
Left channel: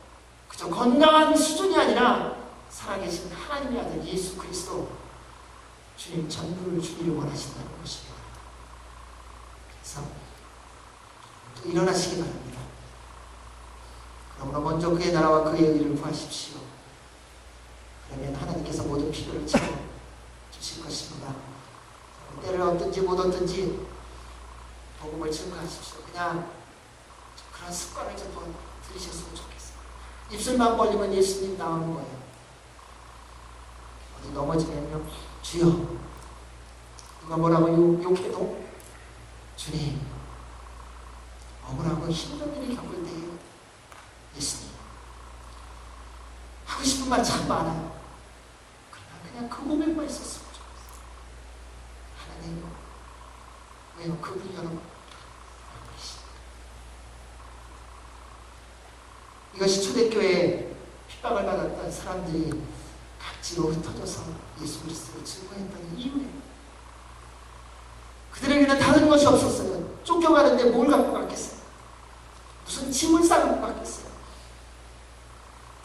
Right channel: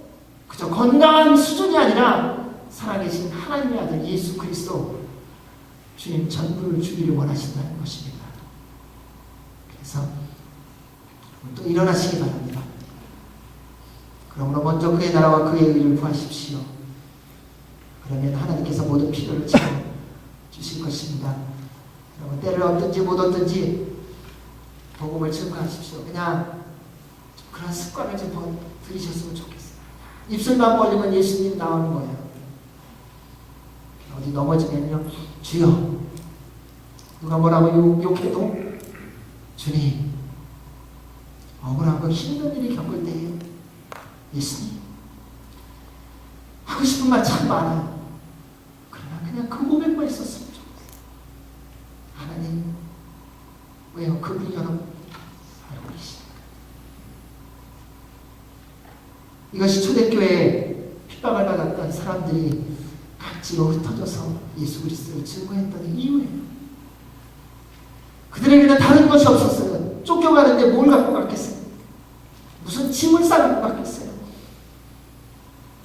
그저 건강한 수준이 아니라 살아계신 하나님의 아들 예수 그리스도 주님 전부를 주기를 원하신다는 것입니다. 그래서 또 일어나시기 바랍니다. 그러므로 먼저 그의 나라와 그의 의를 구하십시오. 그러면 하나님께서 모든 필요를 채워 주실 것입니다. 때를 얻든지 못 얻든지 복음을 증거하십시오. 그냥 그런 습관을 좀 들이셨으면 좋겠어요. 입술만 벌리면 예수님 나오는 거예요. 어디 넘어지면요, 주여, 누가 뭐라고 욕해도 주님, 억울하고 힘든 일을 겪을 때에 예수님, 하고 싶은 말 참 많아요. 그러나 그냥 그 고백만 있었으면 좋겠어요. 하나님, 왜요? 그분이 여러분 알고 계십니까? 이것이 초대교회에 핍박을 받았던 사람들이 각지로 흩어져서 예수 그리스도를 증거했던 이유예요. 그들에게는 다른 것이 없었어요. 쫓겨가는데 뭘 갖고 갔겠어요? 무슨 짐을 싸갖고 갔겠어요?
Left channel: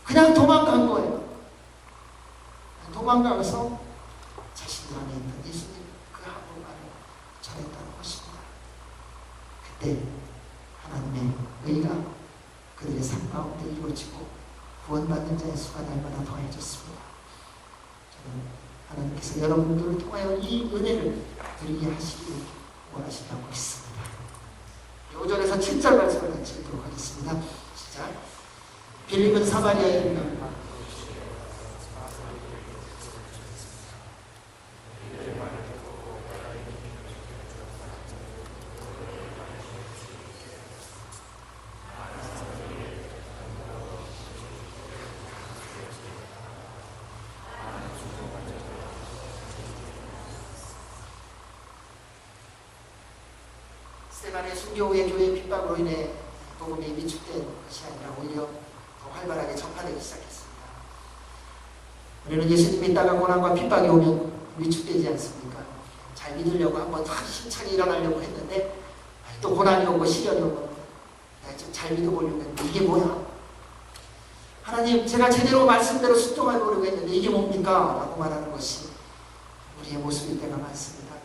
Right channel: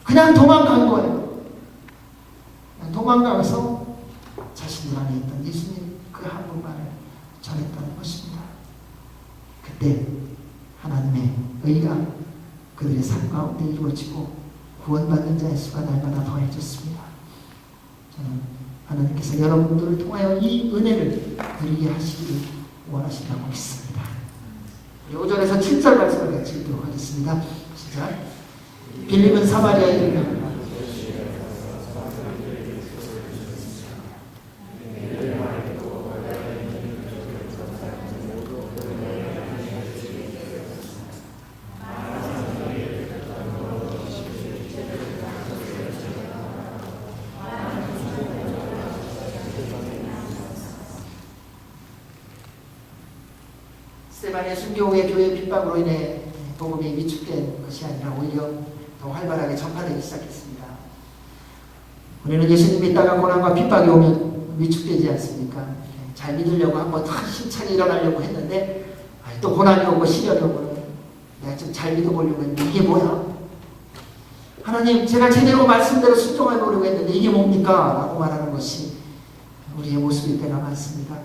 그냥 도망간 거예요. 그냥 도망가서 자신들 안에 있던 예수님 그 한 분만을 전했다는 것입니다. 그때 하나님의 의가 그들의 삶 가운데 이루어지고 구원받는 자의 수가 날마다 더해졌습니다. 저는 하나님께서 여러분들을 통하여 이 은혜를 누리게 하시기를 원하신다고 믿습니다. 5절에서 7절 말씀을 같이 읽도록 하겠습니다. 시작. 빌립은 사마리아에 이르며 스데반의 순교 후에 교회의 핍박으로 인해 복음이 위축된 것이 아니라 오히려 더 활발하게 전파되기 시작했습니다. 우리는 예수님 믿다가 고난과 핍박이 오면 위축되지 않습니까? 잘 믿으려고 한번 힘차게 일어나려고 했는데 또 고난이 오고 시련이 오고 내가 좀 잘 믿어보려고 했는데 이게 뭐야? 하나님, 제가 제대로 말씀대로 순종해 보려고 했는데 이게 뭡니까? 라고 말하는 것이 우리의 모습일 때가 많습니다.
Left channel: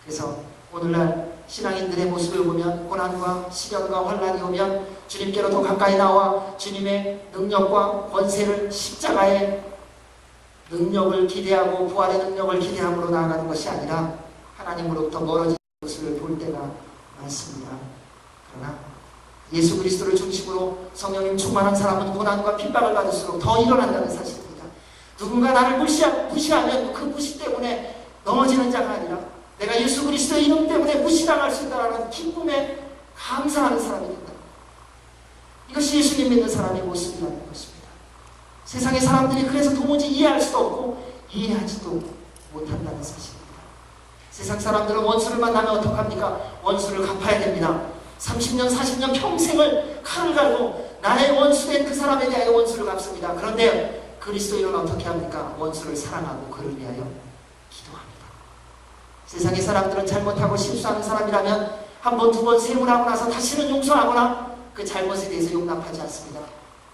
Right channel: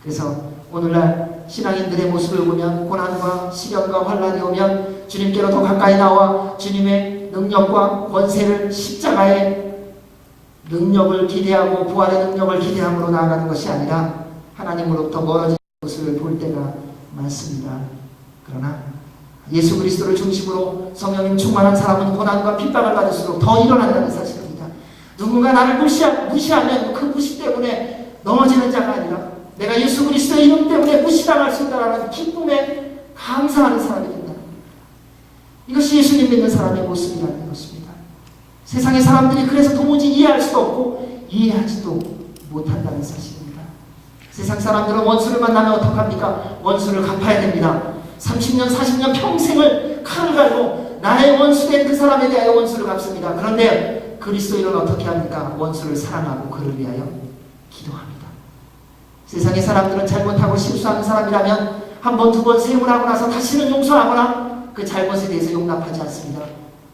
그래서 오늘날 신앙인들의 모습을 보면 고난과 시련과 환난이 오면 주님께로 더 가까이 나와 주님의 능력과 권세를, 십자가의 능력을 기대하고 부활의 능력을 기대함으로 나아가는 것이 아니라 하나님으로부터 멀어지는 모습을 볼 때가 많습니다. 그러나 예수 그리스도를 중심으로 성령님 충만한 사람은 고난과 핍박을 받을수록 더 일어난다는 사실입니다. 누군가 나를 무시하면 그 무시 때문에 넘어지는 자가 아니라 내가 예수 그리스도의 이름 때문에 무시당할 수 있다는 기쁨에 감사하는 사람이 된다. 이것이 예수님 믿는 사람의 모습이라는 것입니다. 세상의 사람들이 그래서 도무지 이해할 수도 없고 이해하지도 못한다는 사실입니다. 세상 사람들은 원수를 만나면 어떡합니까? 원수를 갚아야 됩니다. 30년, 40년 평생을 칼을 갈고 나의 원수된 그 사람에 대하여 원수를 갚습니다. 그런데 그리스도인은 어떻게 합니까? 원수를 사랑하고 그를 위하여 기도합니다. 세상의 사람들은 잘못하고 실수하는 사람이라면 한 번, 두 번 세움을 하고 나서 다시는 용서하거나 그 잘못에 대해서 용납하지 않습니다.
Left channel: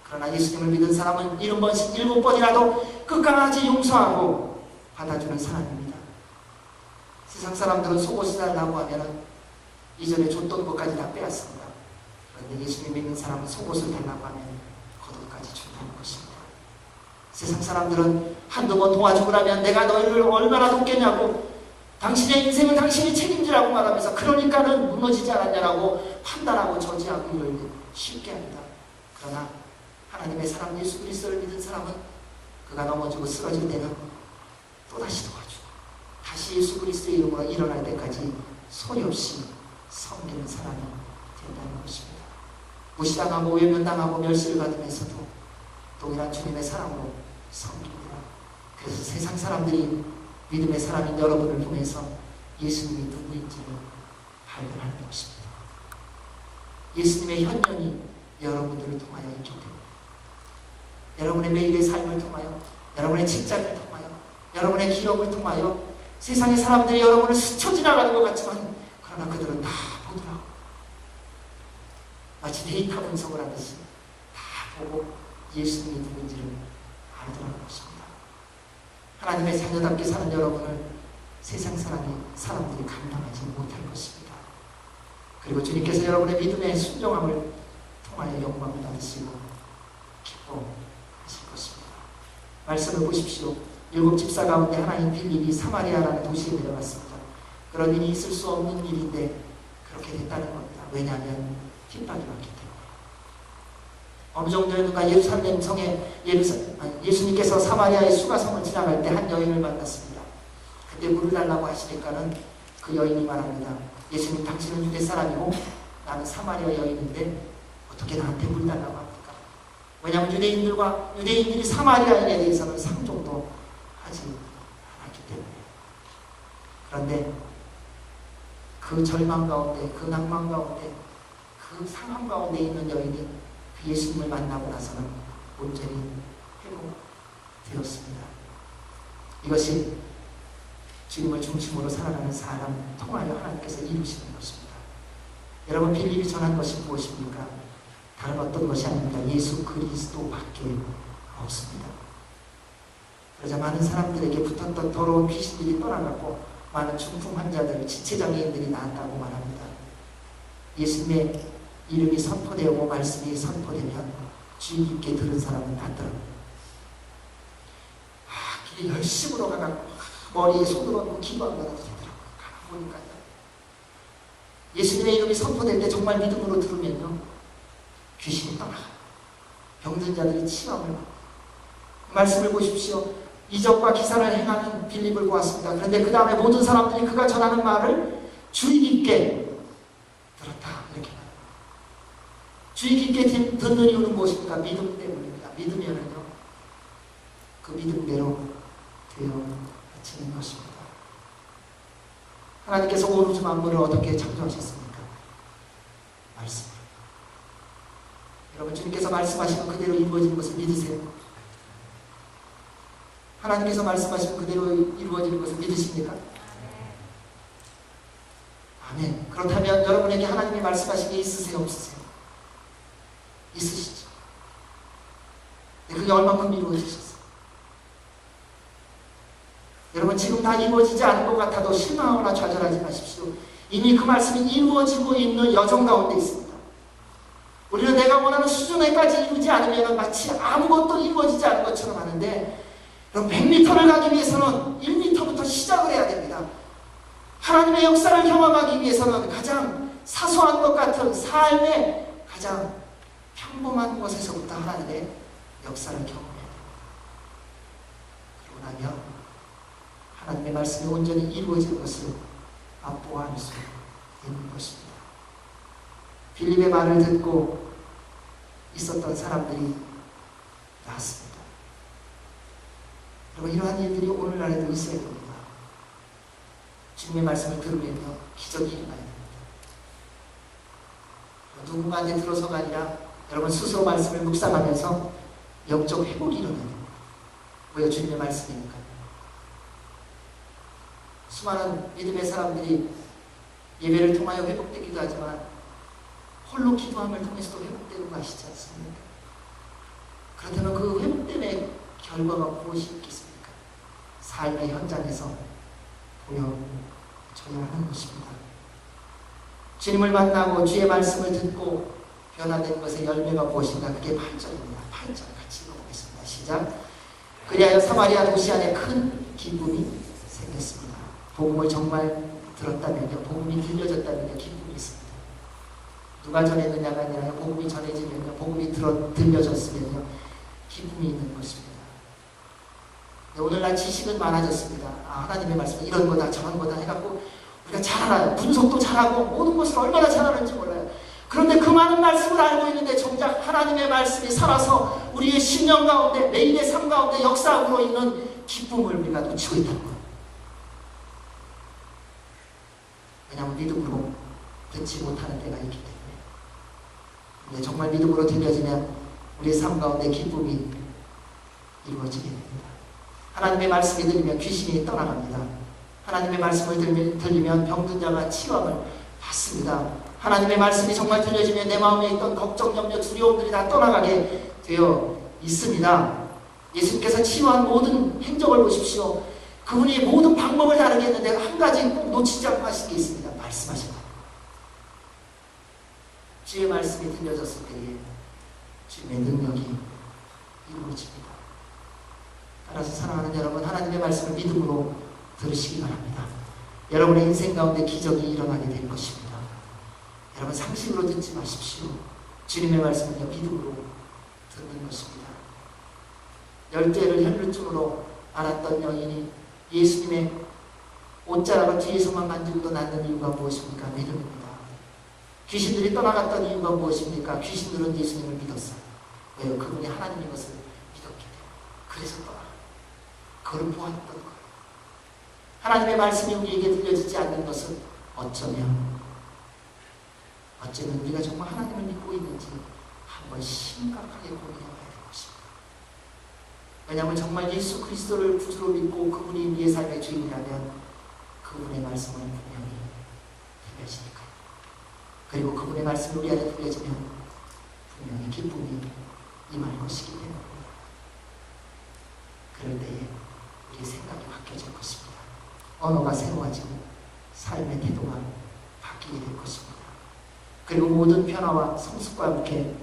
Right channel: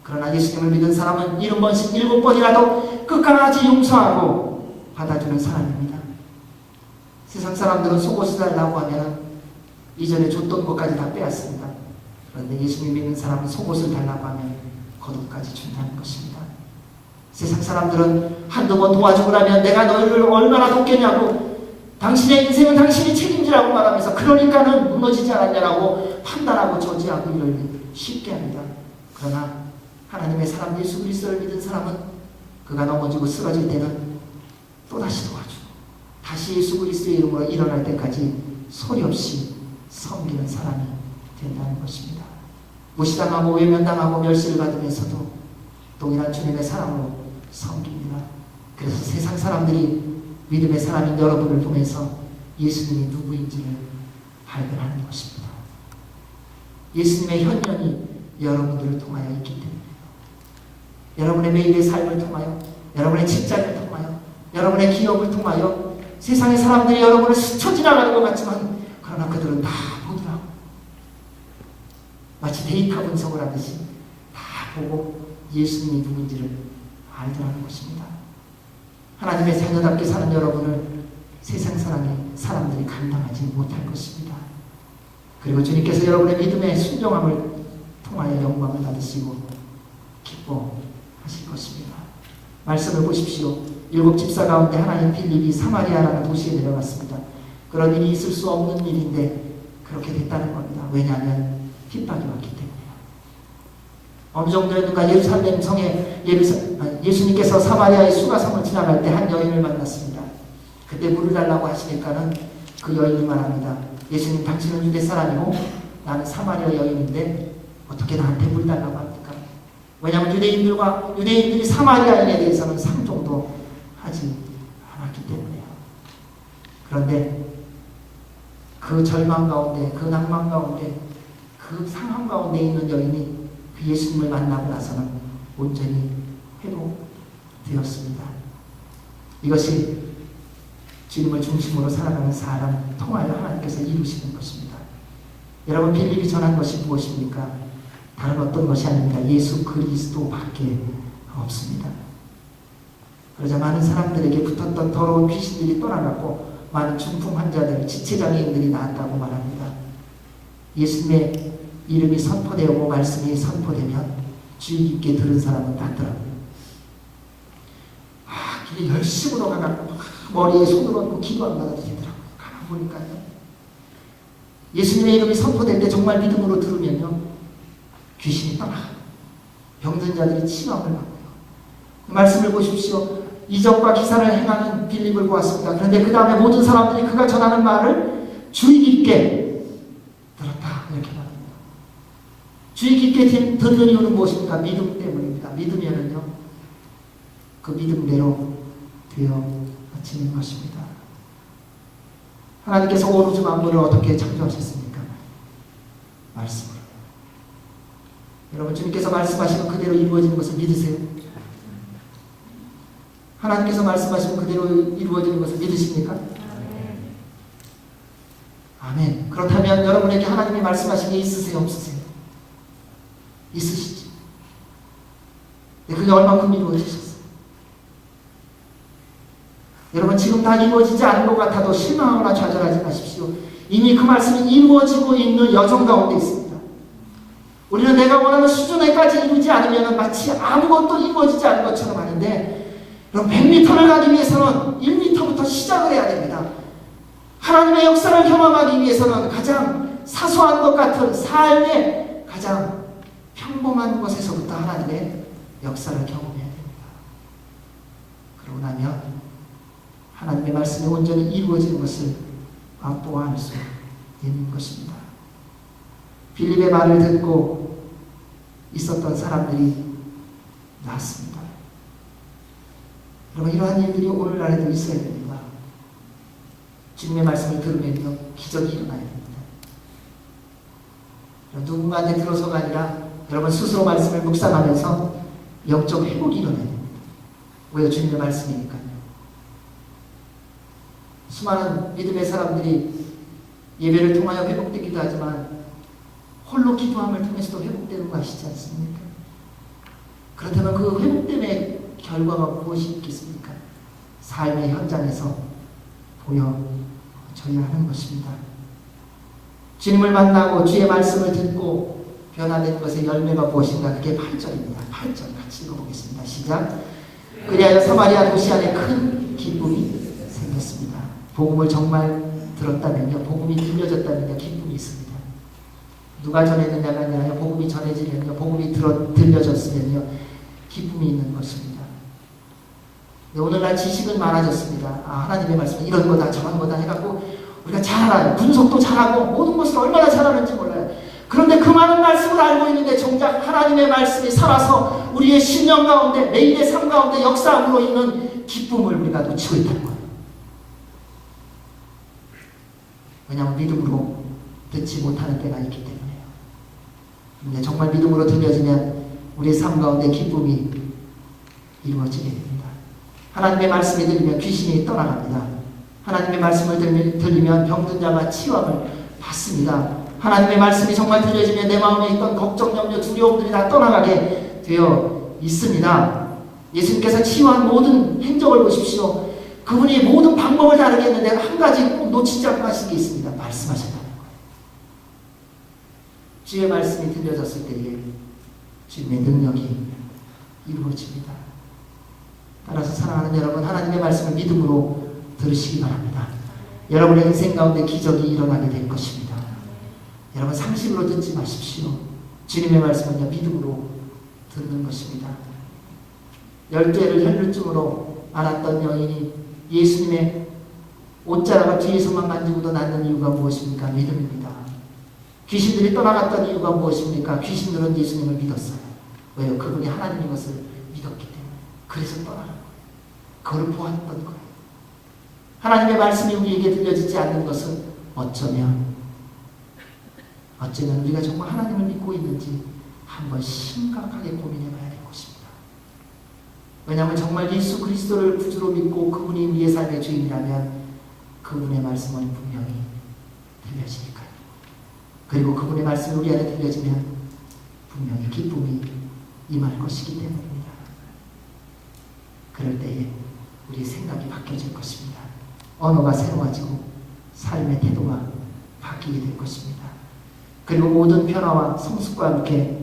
그러나 예수님을 믿은 사람은 70번씩 7번이라도 끝까지 용서하고 받아주는 사람입니다. 세상 사람들은 속옷을 달라고 하면 이전에 줬던 것까지 다 빼앗습니다. 그런데 예수님 믿는 사람은 속옷을 달라고 하면 겉옷까지 준다는 것입니다. 세상 사람들은 한두 번 도와주고 나면 내가 너희를 얼마나 돕겠냐고, 당신의 인생은 당신이 책임지라고 말하면서 그러니까는 무너지지 않았냐라고 판단하고 저지하기를 쉽게 합니다. 그러나 하나님의 사람 예수 그리스도를 믿은 사람은 그가 넘어지고 쓰러질 때는 또다시 도와주고 다시 예수 그리스도의 이름으로 일어날 때까지 소리 없이 섬기는 사람이 된다는 것입니다. 무시당하고 외면당하고 멸시를 받으면서도 동일한 주님의 사랑으로 섬깁니다. 그래서 세상 사람들이 믿음의 사람인 여러분을 보면서 예수님이 누구인지를 발견하는 것입니다. 예수님의 현면이 여러분들을 통하여 있기 때문에 여러분의 매일의 삶을 통하여 여러분의 직장을 통하여 여러분의 기업을 통하여 세상의 사람들이 여러분을 스쳐 지나가는 것 같지만 그러나 그들은 다 보더라고. 마치 데이터 분석을 하듯이 다 보고 예수님이 누군지를 알더라는 것입니다. 하나님의 자녀답게 사는 여러분을 세상 사람들이 감당하지 못할 것입니다. 그리고 주님께서 여러분의 믿음의 순종함을 통하여 영광을 받으시고 기뻐하실 것입니다. 말씀을 보십시오. 7 집사 가운데 하나인 빌립이 사마리아라는 도시에 내려갔습니다. 그런 일이 있을 수 없는 일인데 그렇게 됐다는 겁니다. 왜냐하면 핍박이 왔기 때문에요. 어느 정도였는가 예루살렘 성에 예수님께서 사마리아의 수가성을 지나갈 때 한 여인을 만났습니다. 그때 물을 달라고 하시니까는 그 여인이 말합니다. 예수님, 당신은 유대 사람이고 나는 사마리아 여인인데 어떻게 나한테 물 달라고 합니까? 왜냐하면 유대인들이 사마리아인에 대해서는 상종도 하지 않았기 때문에요. 그런데 그 절망 가운데, 그 낭만 가운데, 그 상황 가운데 있는 여인이 그 예수님을 만나고 나서는 온전히 회복되었습니다. 이것이 주님을 중심으로 살아가는 사람 통하여 하나님께서 이루시는 것입니다. 여러분, 빌립이 전한 것이 무엇입니까? 다른 어떤 것이 아닙니다. 예수 그리스도밖에 없습니다. 그러자 많은 사람들에게 붙었던 더러운 귀신들이 떠나갔고 많은 중풍 환자들, 지체장애인들이 나았다고 말합니다. 예수님의 이름이 선포되고 말씀이 선포되면 주의 깊게 들은 사람은 낫더라고요. 길에 열심히 가갖고 머리에 손을 얹고 기도 안 받아도 되더라고요. 가만 보니까요. 예수님의 이름이 선포될 때 정말 믿음으로 들으면요, 귀신이 떠나가요. 병든 자들이 치유함을 받고요. 말씀을 보십시오. 이적과 기사를 행하는 빌립을 보았습니다. 그런데 그 다음에 모든 사람들이 그가 전하는 말을 주의 깊게 들었다, 이렇게 말합니다. 주의 깊게 듣는 이유는 무엇입니까? 믿음 때문입니다. 믿으면은요, 그 믿음대로 되어지는 것입니다. 하나님께서 온 우주 만물을 어떻게 창조하셨습니까? 말씀으로. 여러분, 주님께서 말씀하시면 그대로 이루어지는 것을 믿으세요? 하나님께서 말씀하시면 그대로 이루어지는 것을 믿으십니까? 아멘. 아멘. 그렇다면 여러분에게 하나님이 말씀하신 게 있으세요? 없으세요? 있으시죠? 근데 그게 얼만큼 이루어지셨어요? 여러분, 지금 다 이루어지지 않은 것 같아도 실망하거나 좌절하지 마십시오. 이미 그 말씀이 이루어지고 있는 여정 가운데 있습니다. 우리는 내가 원하는 수준에까지 이루지 않으면 마치 아무것도 이루어지지 않은 것처럼 하는데, 여러분, 100m를 가기 위해서는 1m부터 시작을 해야 됩니다. 하나님의 역사를 경험하기 위해서는 가장 사소한 것 같은 삶의 가장 평범한 곳에서부터 하나님의 역사를 경험해야 됩니다. 그러고 나면 하나님의 말씀이 온전히 이루어지는 것을 맛보아할 수 있는 것입니다. 빌립의 말을 듣고 있었던 사람들이 나았습니다. 여러분, 이러한 일들이 오늘날에도 있어야 됩니다. 주님의 말씀을 들으면요, 기적이 일어나야 됩니다. 누군가한테 들어서가 아니라 여러분 스스로 말씀을 묵상하면서 영적 회복이 일어나야 됩니다. 왜요? 주님의 말씀이니까요. 수많은 믿음의 사람들이 예배를 통하여 회복되기도 하지만 홀로 기도함을 통해서도 회복되는 거 아시지 않습니까? 그렇다면 그 회복됨의 결과가 무엇이 있겠습니까? 삶의 현장에서 보여줘야 하는 것입니다. 주님을 만나고 주의 말씀을 듣고 변화된 것의 열매가 무엇인가? 그게 8절입니다. 8절 같이 읽어보겠습니다. 시작. 그리하여 사마리아 도시 안에 큰 기쁨이 생겼습니다. 복음을 정말 들었다면요, 복음이 들려졌다면요, 기쁨이 있습니다. 누가 전했느냐가 아니라요, 복음이 전해지면요, 복음이 들려졌으면요, 기쁨이 있는 것입니다. 네, 오늘날 지식은 많아졌습니다. 하나님의 말씀은 이런 거다 저런 거다 해갖고 우리가 잘 알아요. 분석도 잘하고 모든 것을 얼마나 잘하는지 몰라요. 그런데 그 많은 말씀을 알고 있는데 정작 하나님의 말씀이 살아서 우리의 신령 가운데, 매일의 삶 가운데 역사함으로 있는 기쁨을 우리가 놓치고 있다는 거예요. 왜냐하면 믿음으로 듣지 못하는 때가 있기 때문에요. 근데 정말 믿음으로 들려지면 우리의 삶 가운데 기쁨이 이루어지게 됩니다. 하나님의 말씀이 들리면 귀신이 떠나갑니다. 하나님의 말씀을 들리면 병든 자가 치유함을 받습니다. 하나님의 말씀이 정말 들려지면 내 마음에 있던 걱정, 염려, 두려움들이 다 떠나가게 되어 있습니다. 예수님께서 치유한 모든 행적을 보십시오. 그분이 모든 방법을 다르게 했는데 한 가지 꼭 놓치지 않고 하신 게 있습니다. 말씀하셨다는 거예요. 주의 말씀이 들려졌을 때에 주님의 능력이 이루어집니다. 따라서 사랑하는 여러분, 하나님의 말씀을 믿음으로 들으시기 바랍니다. 여러분의 인생 가운데 기적이 일어나게 될 것입니다. 여러분 상식으로 듣지 마십시오. 주님의 말씀은요 믿음으로 듣는 것입니다. 12해를 혈루증으로 앓았던 여인이 예수님의 옷자락을 뒤에서만 만지고도 낫는 이유가 무엇입니까? 믿음입니다. 귀신들이 떠나갔던 이유가 무엇입니까? 귀신들은 예수님을 믿었어요. 왜요? 그분이 하나님인 것을 믿었기 때문에. 그래서 떠나는 거예요. 그걸 보았던 거예요. 하나님의 말씀이 우리에게 들려지지 않는 것은 어쩌면 우리가 정말 하나님을 믿고 있는지 한번 심각하게 고민해 봐야 될 것입니다. 왜냐하면 정말 예수 그리스도를 구주로 믿고 그분이 우리의 삶의 주인이라면 그분의 말씀은 분명히 들려지니까요. 그리고 그분의 말씀이 우리 안에 들려지면 분명히 기쁨이 임할 것이기 때문입니다. 그럴 때에 우리의 생각이 바뀌어질 것입니다. 언어가 새로워지고 삶의 태도가 바뀌게 될 것입니다. 그리고 모든 변화와 성숙과 함께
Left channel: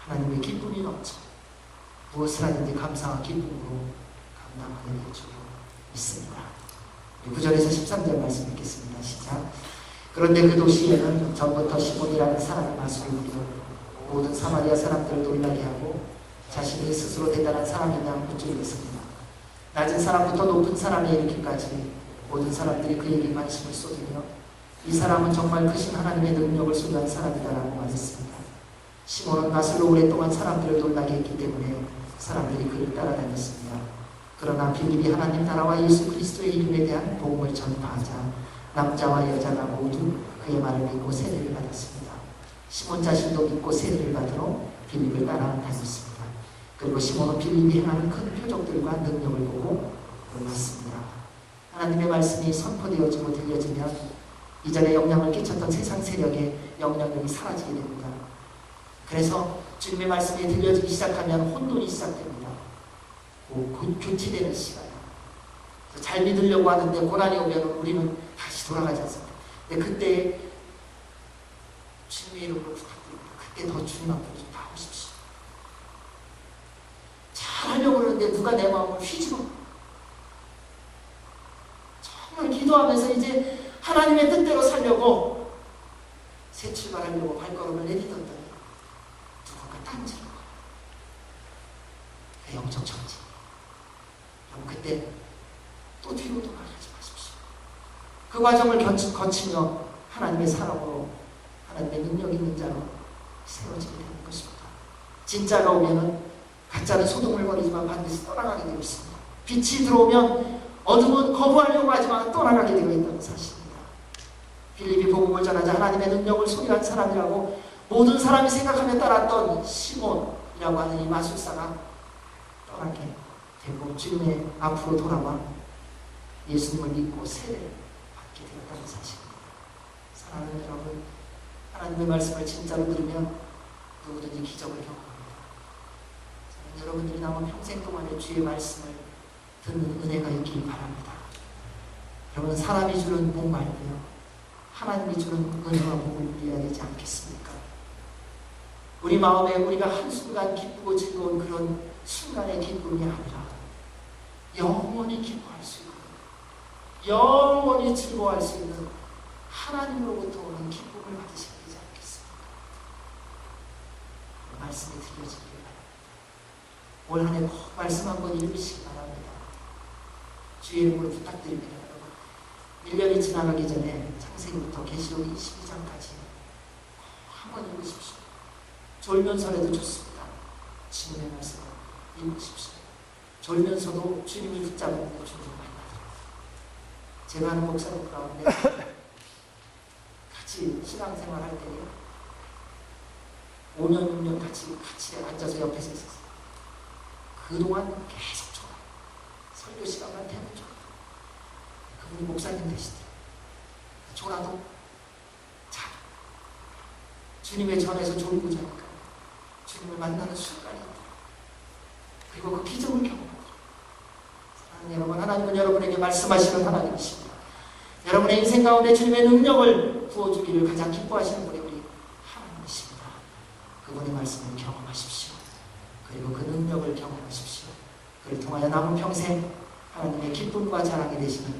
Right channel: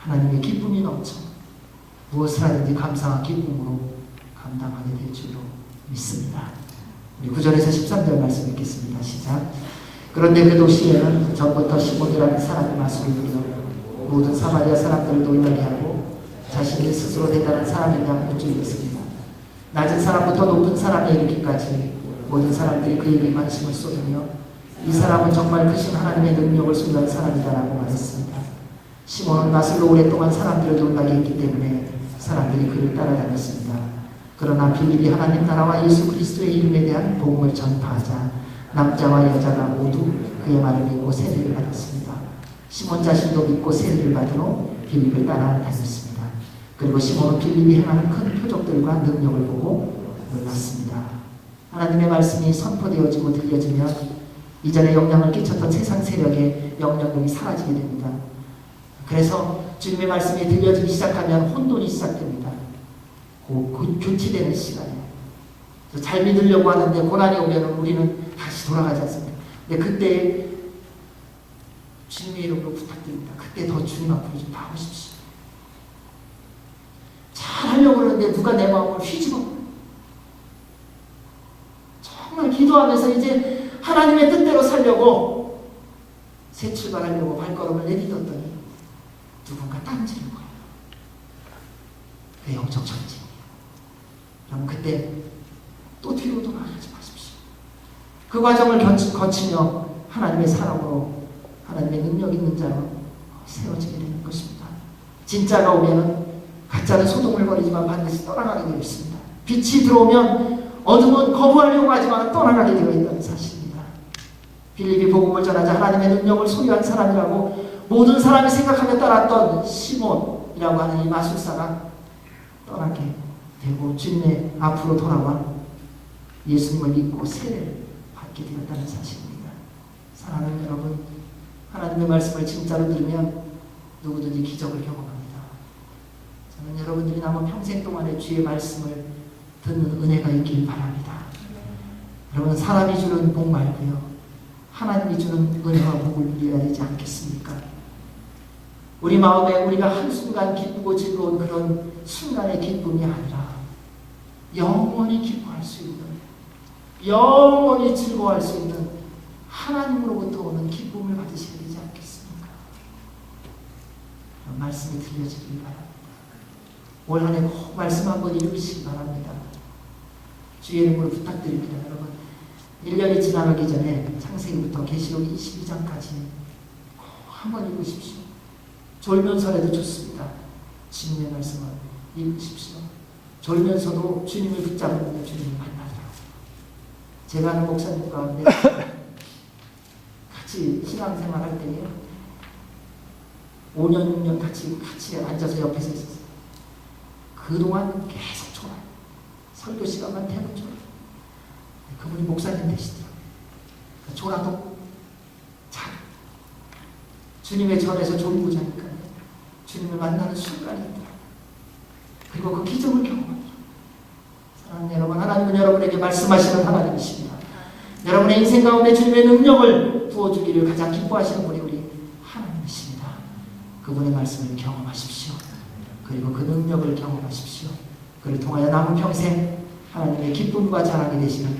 하나님의 기쁨이 넘쳐 무엇을 하든지 감사와 기쁨으로 감당하게 될 줄로 믿습니다. 우리 9절에서 13절 말씀 읽겠습니다. 시작. 그런데 그 도시에는 전부터 시몬이라는 사람이 마술을 부려 모든 사마리아 사람들을 놀라게 하고 자신이 스스로 대단한 사람이냐 묻고 있습니다. 낮은 사람부터 높은 사람에 이르기까지 모든 사람들이 그에게 관심을 쏟으며 이 사람은 정말 크신 하나님의 능력을 소유한 사람이다라고 말했습니다. 시몬은 마술로 오랫동안 사람들을 놀라게 했기 때문에 사람들이 그를 따라다녔습니다. 그러나 빌립이 하나님 나라와 예수 그리스도의 이름에 대한 복음을 전파하자 남자와 여자가 모두 그의 말을 믿고 세례를 받았습니다. 시몬 자신도 믿고 세례를 받으러 빌립을 따라다녔습니다. 그리고 시몬은 빌립이 행하는 큰 표적들과 능력을 보고 놀랐습니다. 하나님의 말씀이 선포되어지고 들려지면 이전에 영향을 끼쳤던 세상 세력의 영향력이 사라지게 됩니다. 그래서 주님의 말씀이 들려지기 시작하면 혼돈이 시작됩니다. 교체되는 시간이에요. 잘 믿으려고 하는데 고난이 오면 우리는 다시 돌아가지 않습니다. 근데 그때 주님의 이름으로 부탁드립니다. 그때 더 주님 앞으로 좀 나오십시오. 잘 하려고 그러는데 누가 내 마음을 휘집어. 정말 기도하면서 이제 하나님의 뜻대로 살려고 새 출발하려고 발걸음을 내딛었더니 누군가 딴지른 거예요. 그 영적 전쟁이에요. 여러분 그때 또 뒤로 돌아가지 마십시오. 그 과정을 거치며 하나님의 사람으로 하나님의 능력 있는 자로 세워지게 되는 것입니다. 진짜가 오면은 가짜는 소동을 벌이지만 반드시 떠나가게 되어 있습니다. 빛이 들어오면 어둠은 거부하려고 하지만 떠나가게 되어 있다는 사실입니다. 빌립이 복음을 전하자 하나님의 능력을 소유한 사람이라고 모든 사람이 생각하며 따랐던 시몬이라고 하는 이 마술사가 떠나게 되고 주님의 앞으로 돌아와 예수님을 믿고 세례를 받게 되었다는 사실입니다. 사랑하는 여러분, 하나님의 말씀을 진짜로 들으면 누구든지 기적을 경험합니다. 저는 여러분들이 남은 평생 동안에 주의 말씀을 듣는 은혜가 있기를 바랍니다. 여러분 사람이 주는 복 말고요 하나님이 주는 은혜와 복을 누려야 되지 않겠습니까? 우리 마음에 우리가 한순간 기쁘고 즐거운 그런 순간의 기쁨이 아니라 영원히 기뻐할 수 있는, 영원히 즐거워할 수 있는 하나님으로부터 오는 기쁨을 받으셔야 되지 않겠습니까? 말씀이 들려지길 바랍니다. 올 한 해 꼭 말씀 한번 읽으시기 바랍니다. 주의 이름으로 부탁드립니다. 여러분 1년이 지나가기 전에 창세기부터 계시록 22장까지 꼭 한번 읽으십시오. 졸면서라도 좋습니다. 주님의 말씀을 읽으십시오. 졸면서도 주님을 붙잡으면 주님을 만나더라고요. 제가 아는 목사님 가운데 같이 신앙생활 할 때는 5년, 6년 같이 앉아서 옆에서 있었어요. 그동안 계속 졸아요. 설교 시간만 되면 졸아요. 그분이 목사님 되시더라고요. 졸아도 잘 주님의 전에서 졸고 자니까 주님을 만나는 순간이 있더라고요. 그리고 그 기적을 경험하더라고요. 사랑하는 여러분, 하나님은 여러분에게 말씀하시는 하나님이십니다. 여러분의 인생 가운데 주님의 능력을 부어주기를 가장 기뻐하시는 분이 우리 하나님이십니다. 그분의 말씀을 경험하십시오. 그리고 그 능력을 경험하십시오. 그를 통하여 남은 평생 하나님의 기쁨과 자랑이 되시는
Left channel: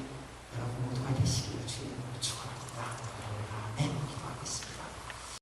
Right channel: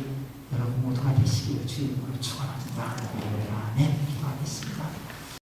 여러분 모두가 되시기를 주의 이름으로 축원합니다. 아멘.